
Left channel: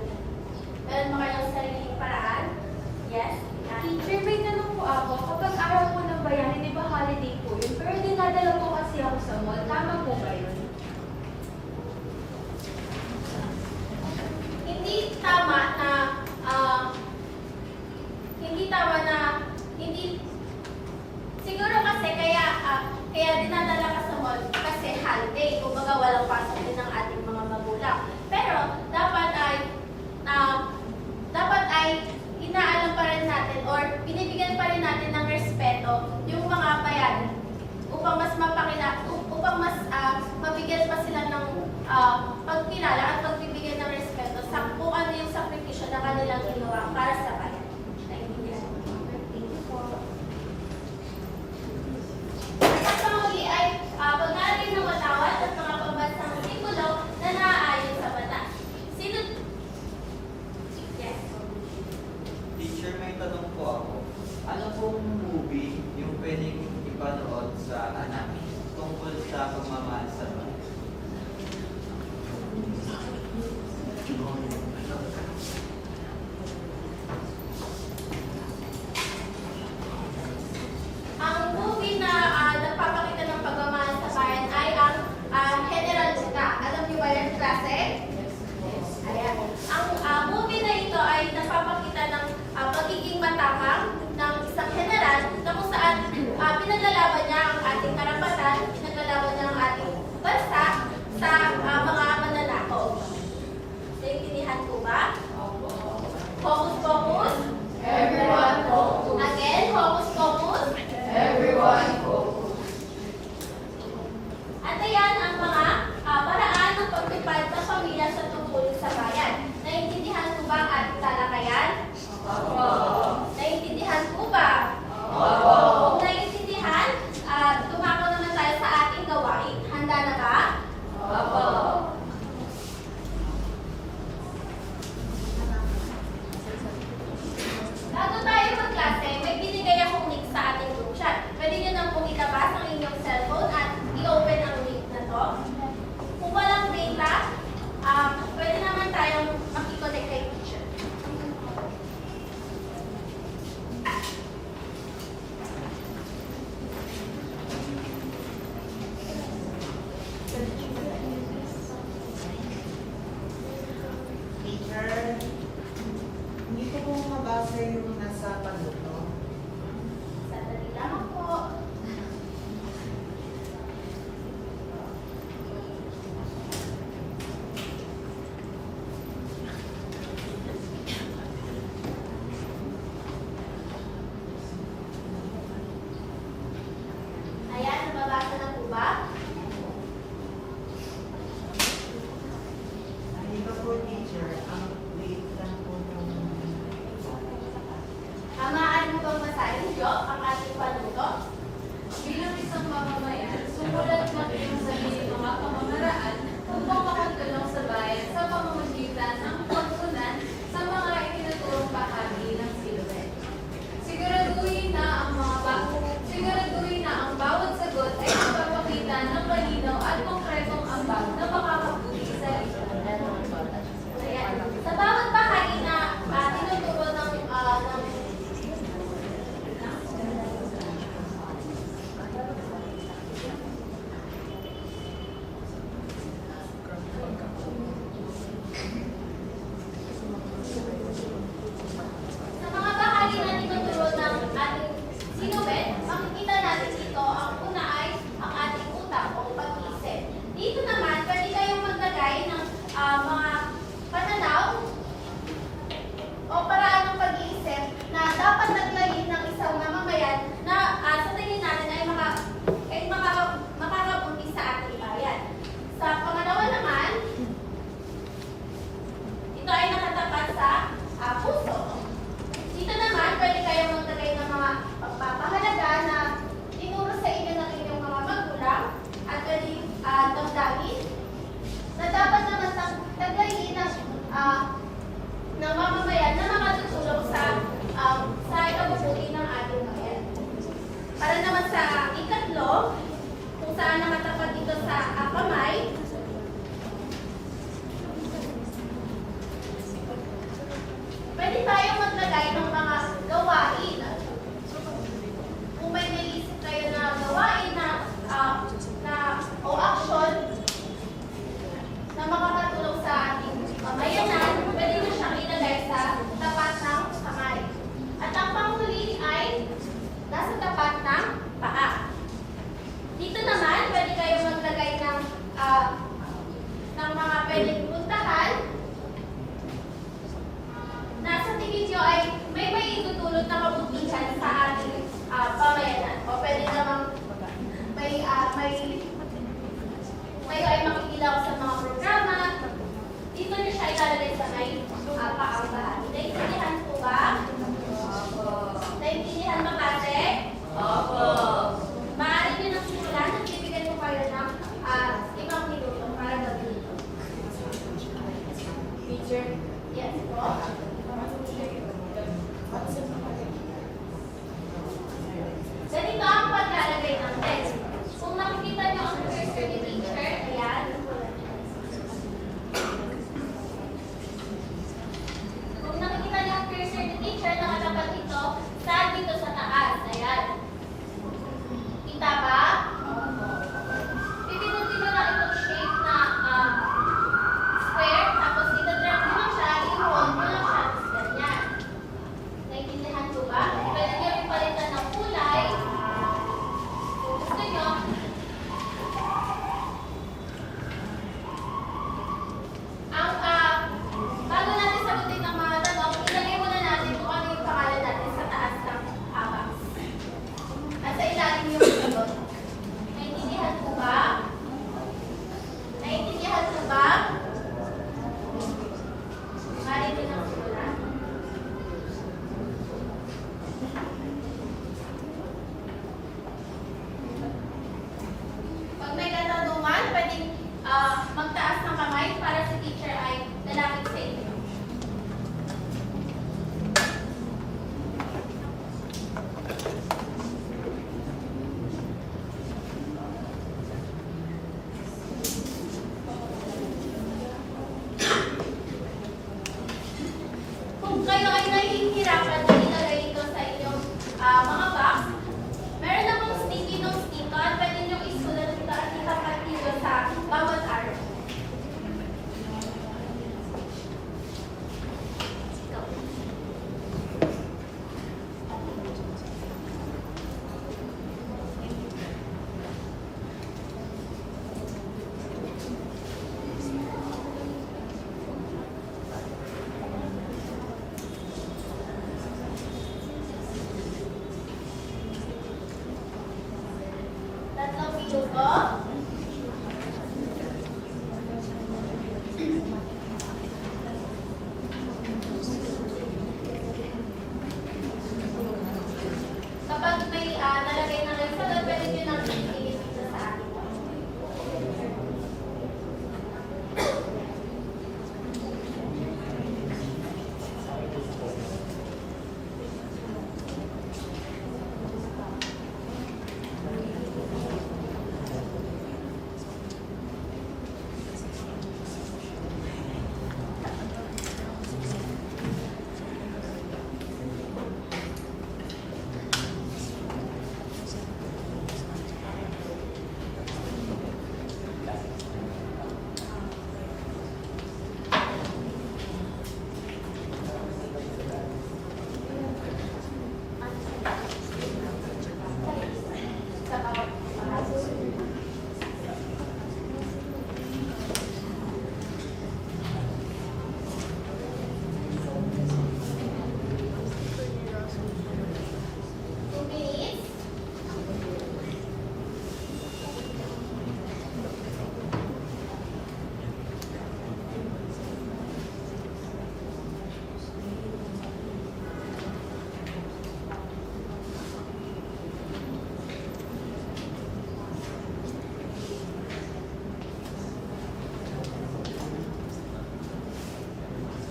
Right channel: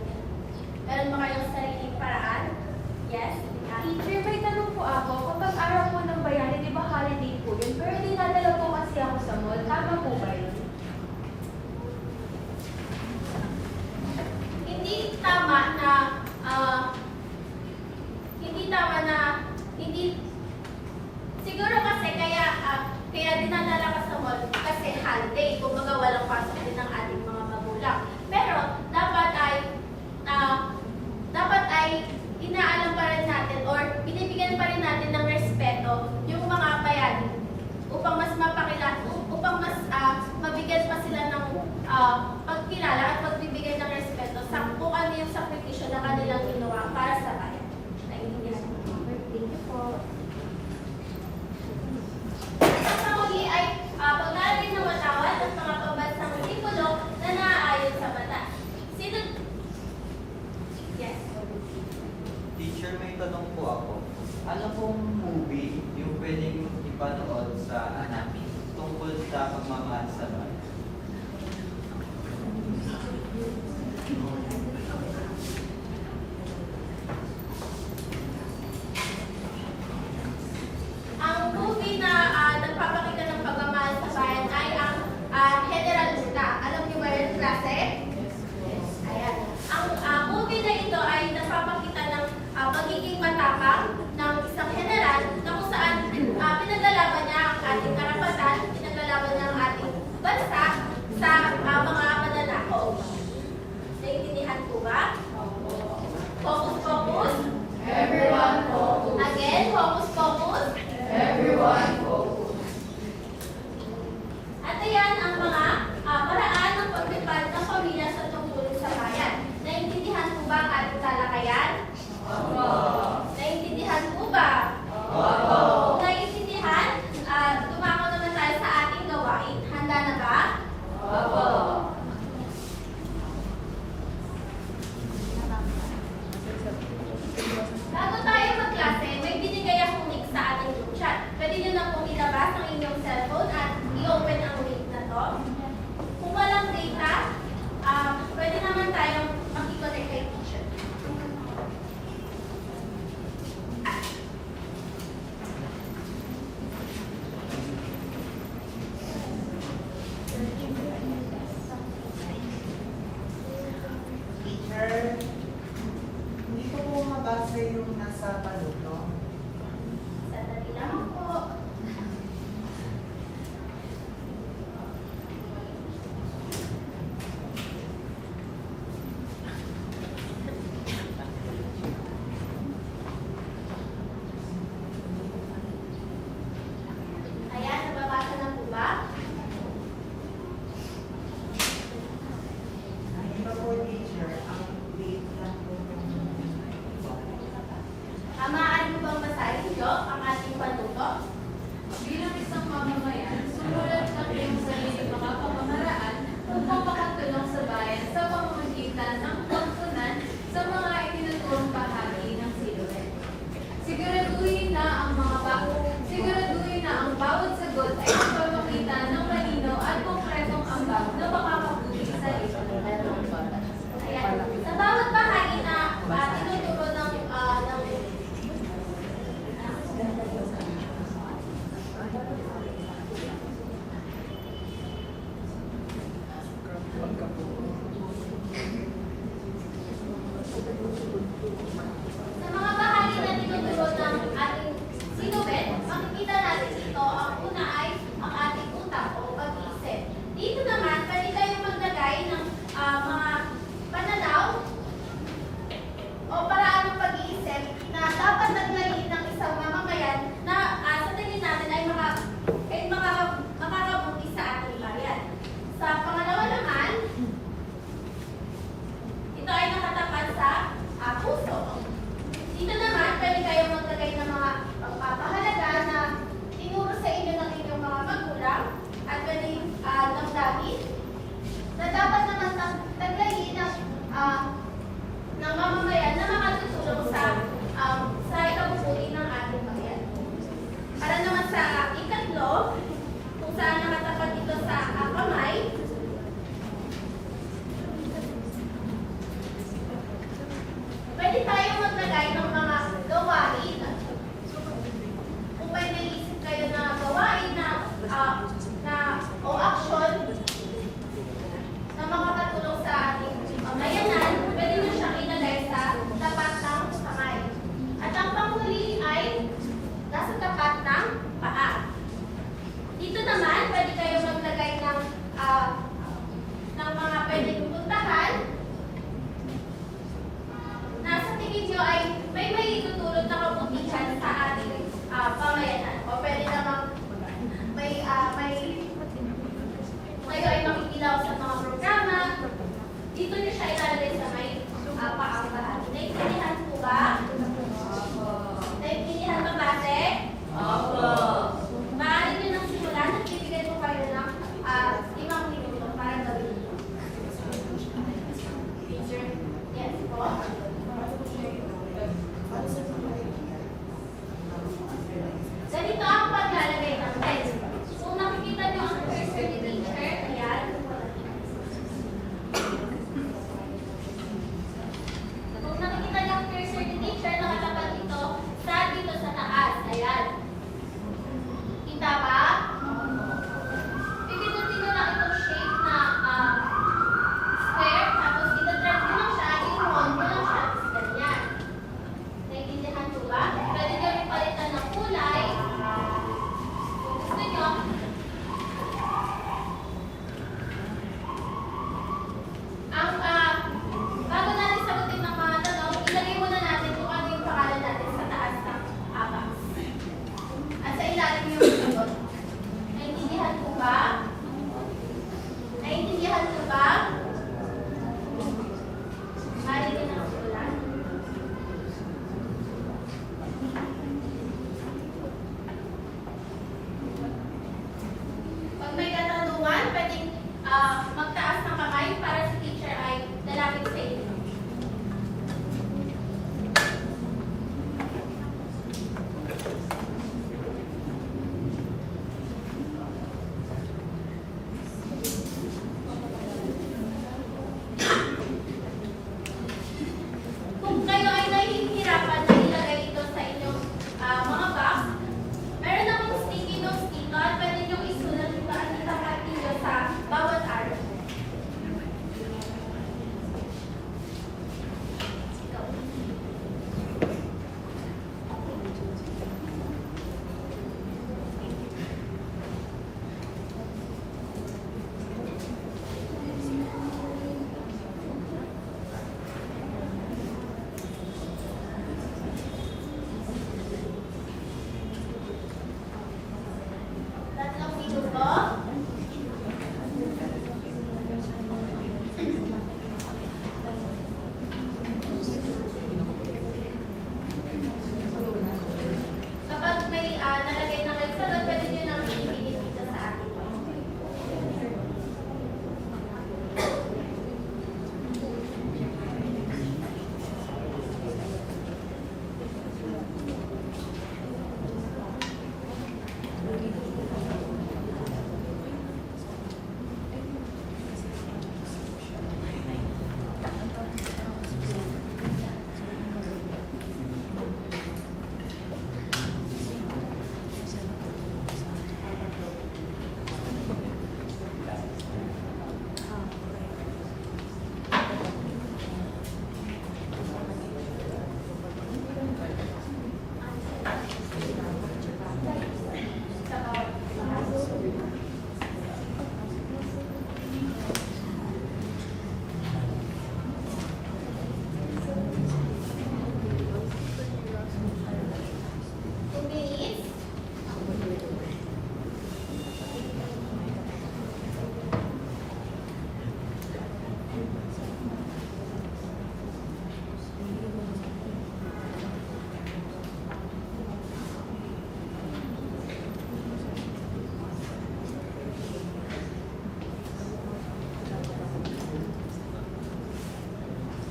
ba? Focus, focus. Everyone focus. Again, focus, focus. Everyone focus. At ayan ang mga paraan ng paglipad ng pamilya sa tungkulin sa bayan. Naintindihan mo ba ang ating talakayan? Naintindihan mo ba? Kung naiintindihan, dumako naman tayo sa ating gawain. Handa na ba? Bago tayo magklase, may binigay akong link sa ating group chat. Pwede nyo lang pong ilabas ang inyong cellphone at i-open ang link na to. Kung walang data, pwede naman tayong makikonnect kay teacher. Teacher, hindi ko po mabasa yung nasa panuto. Sandali lang po. Ayan, nababasa na po ba? Hindi ba po, teacher, ang wait lang po ng Maaari mo bang basahin nyo ang ating panuto? Bilang isang mamamayan, sumulat ng iyong sariling mga pamamaraan upang makatulong sa bayan sa pamamagitan ng pagtunan sa mga itinuturong bahagi ng silid. Siguraduhin na ang bawat sagot ay ipapakita ng malinaw at konkretong ambag na makakabuti sa lipunan. Ayan. Sa bawat bahagi na tinuturo ng sa mga bahagi na tinuturo ng ating sinuwet, makikita natin dito ang una ay ang ating utak o pag-iisip. Dito naman, pwede kayong maglagay ng mga pananaw o paraan ng pag-iisip na dapat naglayin ng isang mamamayan na sa tingin natin ay makakabuti sa ating bayan. Sa pangalawa naman, ito ay nakatapat sa puso. Dito naman, pwede kayong maglagay ng mga pahalaga na tinuro sa inyo ng inyong mga magulang at galing damdamin na dapat naman taglayin ng mamamayan na makatutulong sa ikabubuti ng ating bayan. Para naman sa ikatlo, kung saan nakatapat dito sa kamay, pwede tayong maglagay ng mga gawain. Kung may naisip kayo na gawain o aksyon na makakatulong sa ating pamayanan, pwede na siyang ilagay sa tapat ng kamay. At ang panghuli ay nasa tapat ng paa. Dito naman, pwede kayong maglagay ng mga pwedeng puntahan na sa tingin kayo ay nahihirapan na ilagay ito sa inyong mga box, meron na pong sticky notes dito at pwede nyo isulat ito at itapatilyo sa bawat araw. Tatlong minuto. Kapag may nalagay na kayo sa doon, pwede nyo nang itigil dito sa akin. Sa bawat bahagi. Two minutes.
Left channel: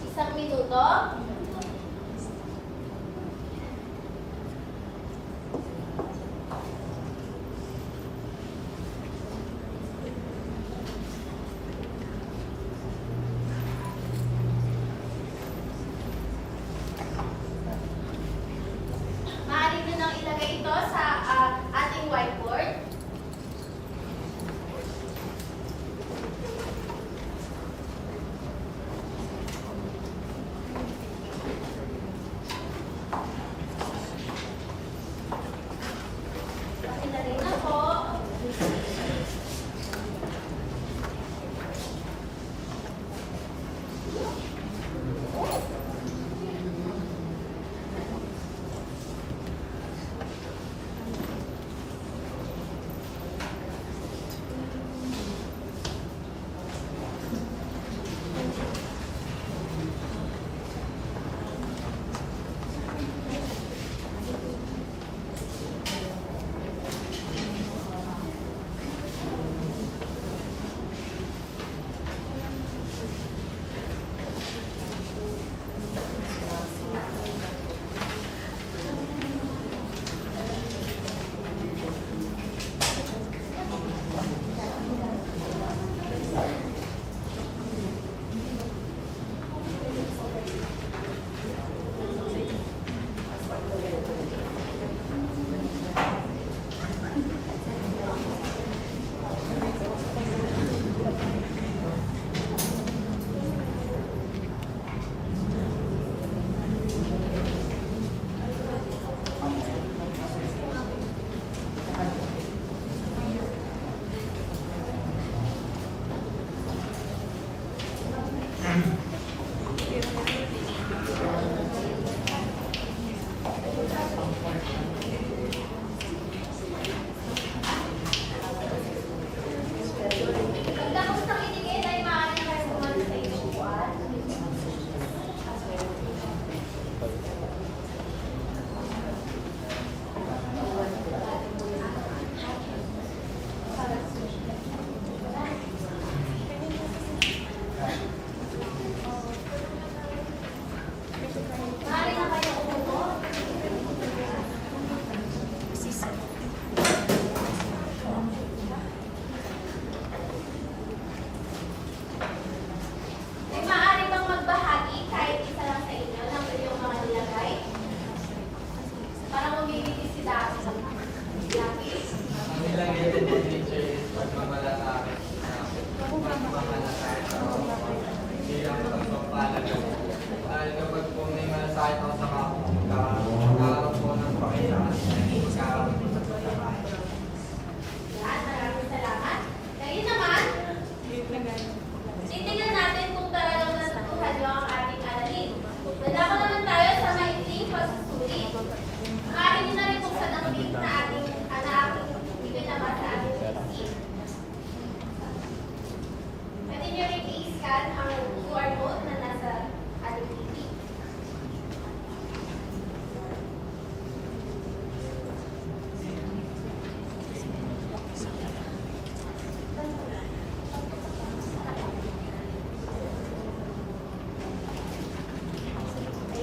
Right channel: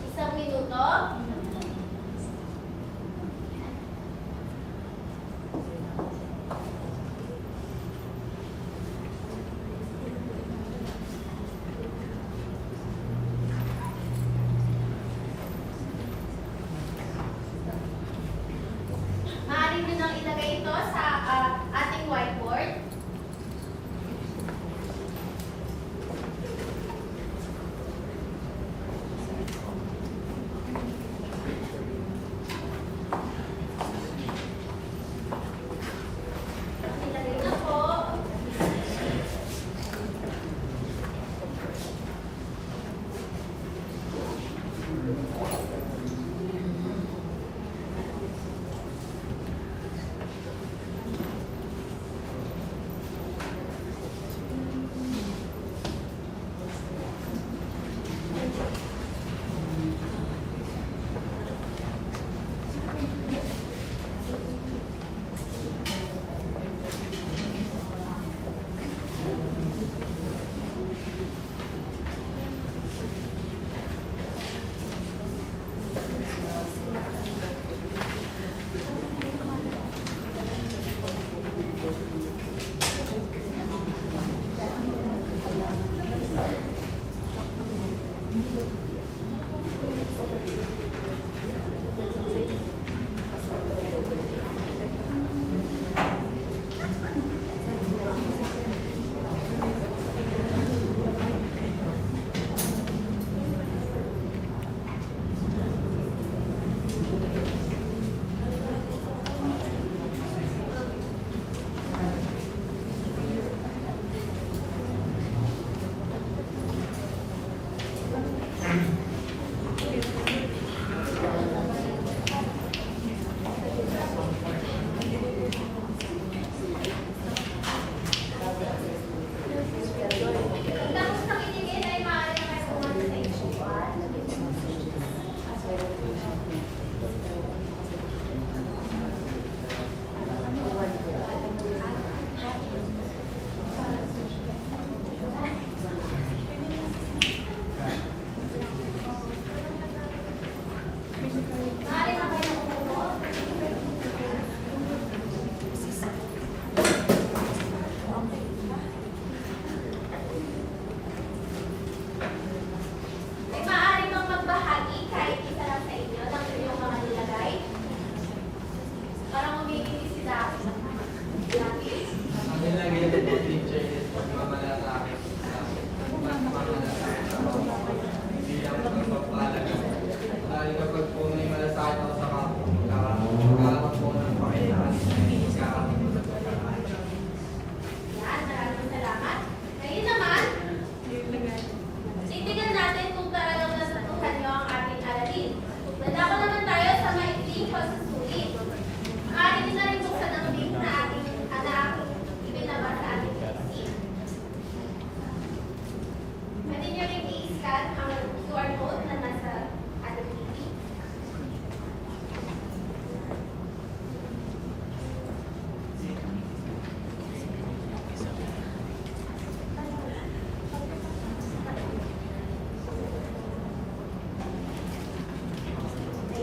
Isang minuto. Maaari nyo nang ilagay ito sa ating whiteboard.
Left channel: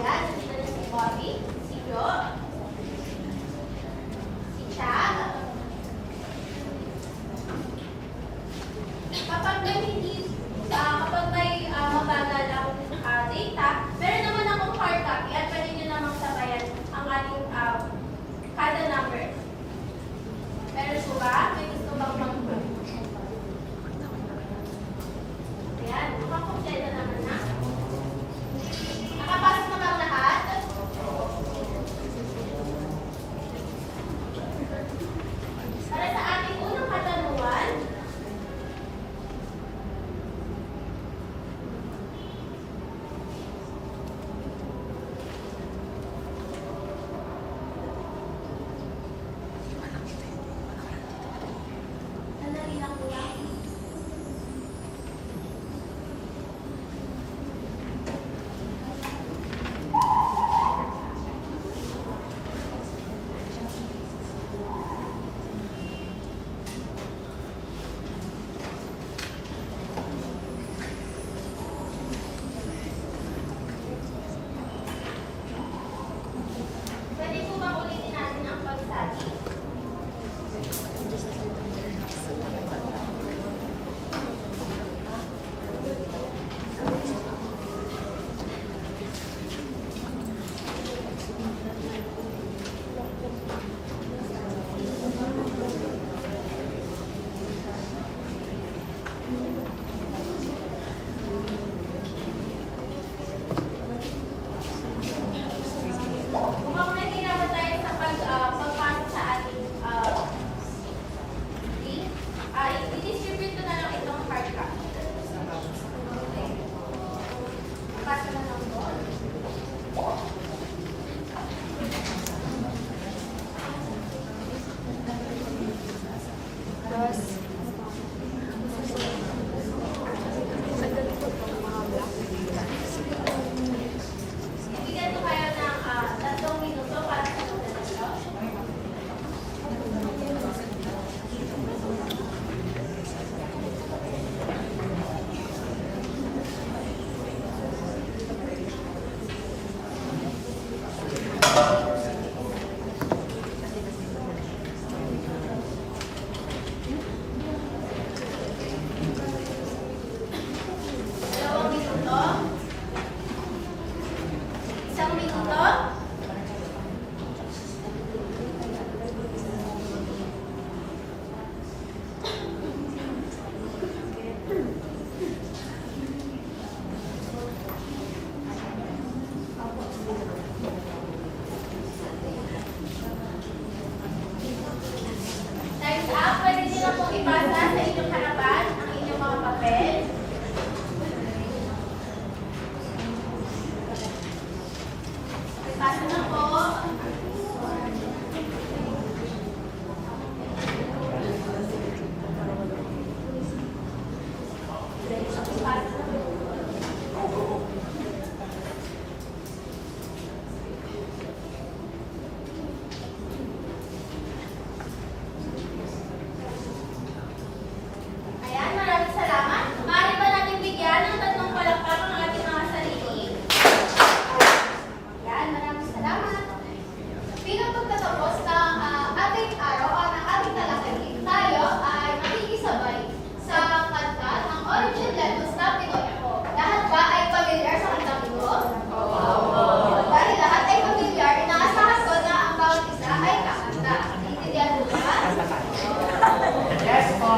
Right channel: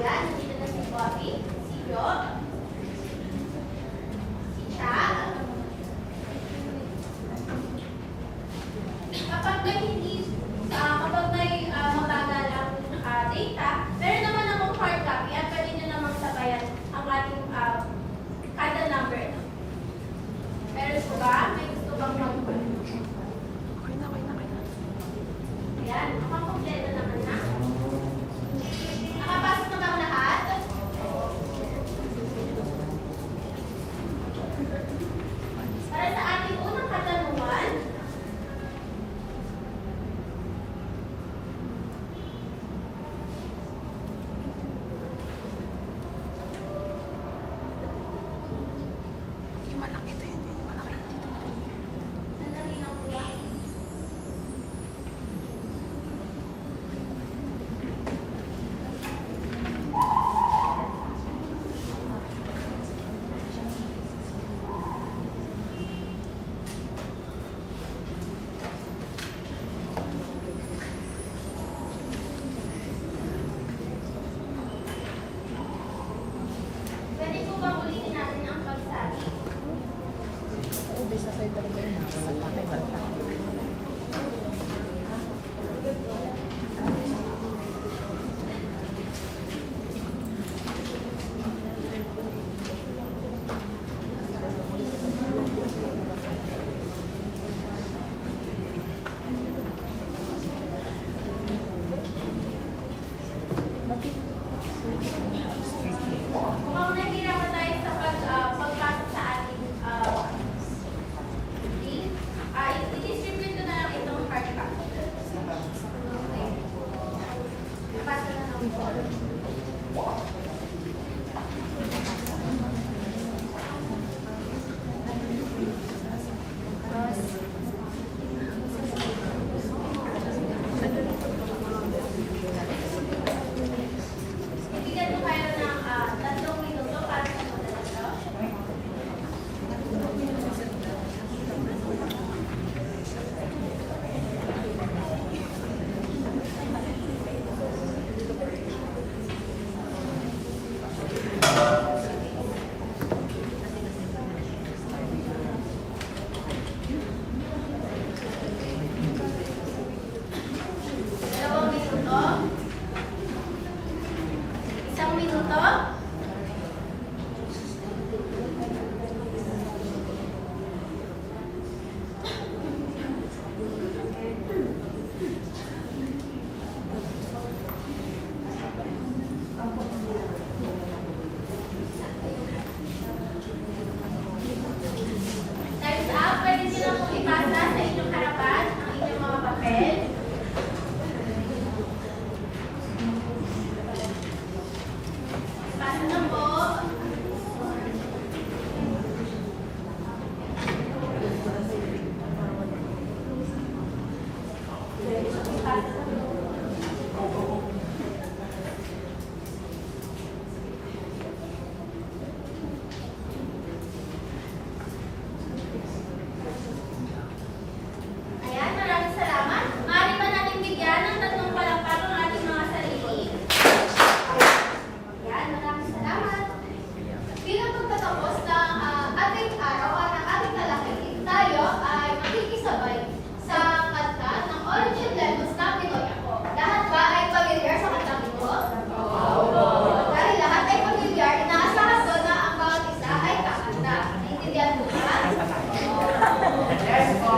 Ayan, dito na si Bobby, si Jo, si Cha. Kapag may mabagal ang data, meron naman akong hard copy at pwede nyo namang sabayan ang ating kada number. Meron po ba? May gusto bang konto? Ayan, makakompleto naman na. Nakapasok na ang lahat. Para sa ating unang katanungan, sandali lang po lang. Pwede po ba ulitin natin ang pagsabi? Mukhang nahihirapan tayo sa pagpasok sa ating link. I-distribute ko na lang itong hard copy. Okay. Pasok na lang po. Bibigyan ko kayo ng 3 minuto para sa pagdalo. Dalawang minuto. 1 minuto. Time's up. Pwede nyo pong ipasa sa inyong harapan ang inyong mga papel. Ipasa na po. Ayan, maraming salamat. Maaari ba natin bigyan ng 3 palakpak ang ating mga sarili? Ayan, maraming salamat. Bilang pagtatapos ng ating araw at ng ating talakayin, tayo ay makikisabay sa kanta ng Origin Levels na Pinoy Ako. Lahat ba ay pamilyar sa kantang ito? Dahil lahat ay pamilyar, inaasahan ko na ang bawat isa ay kakanta. Intindihan mo ba? Yes, po.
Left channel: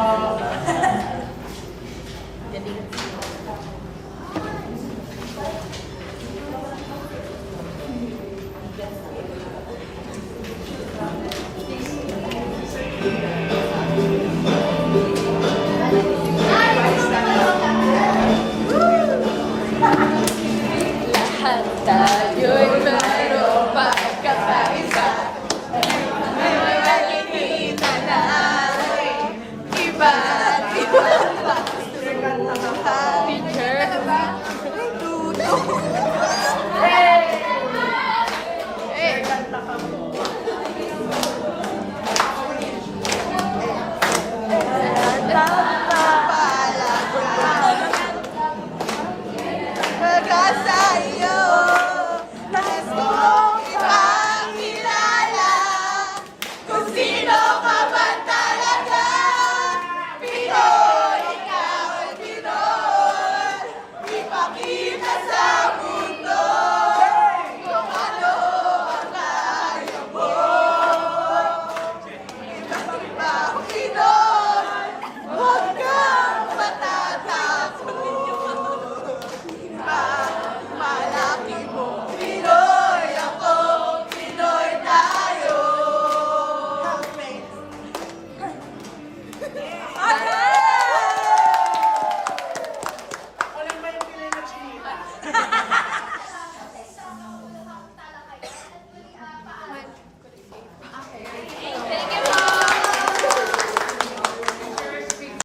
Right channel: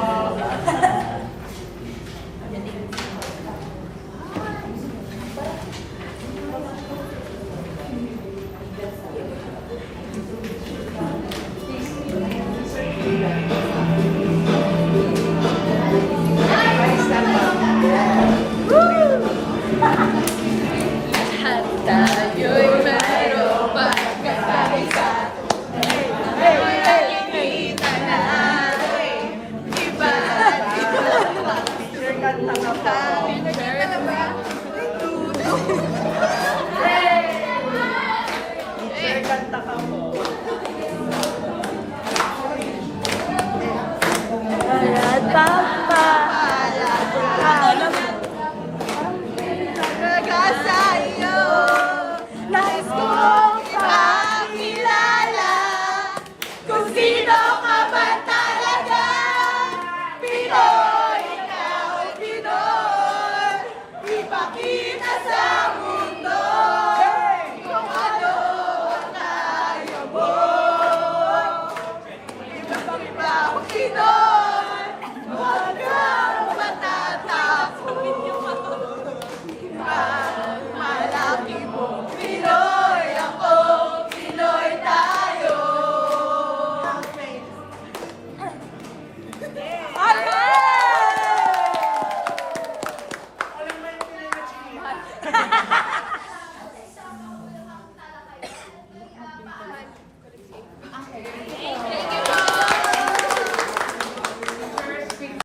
Tayo'y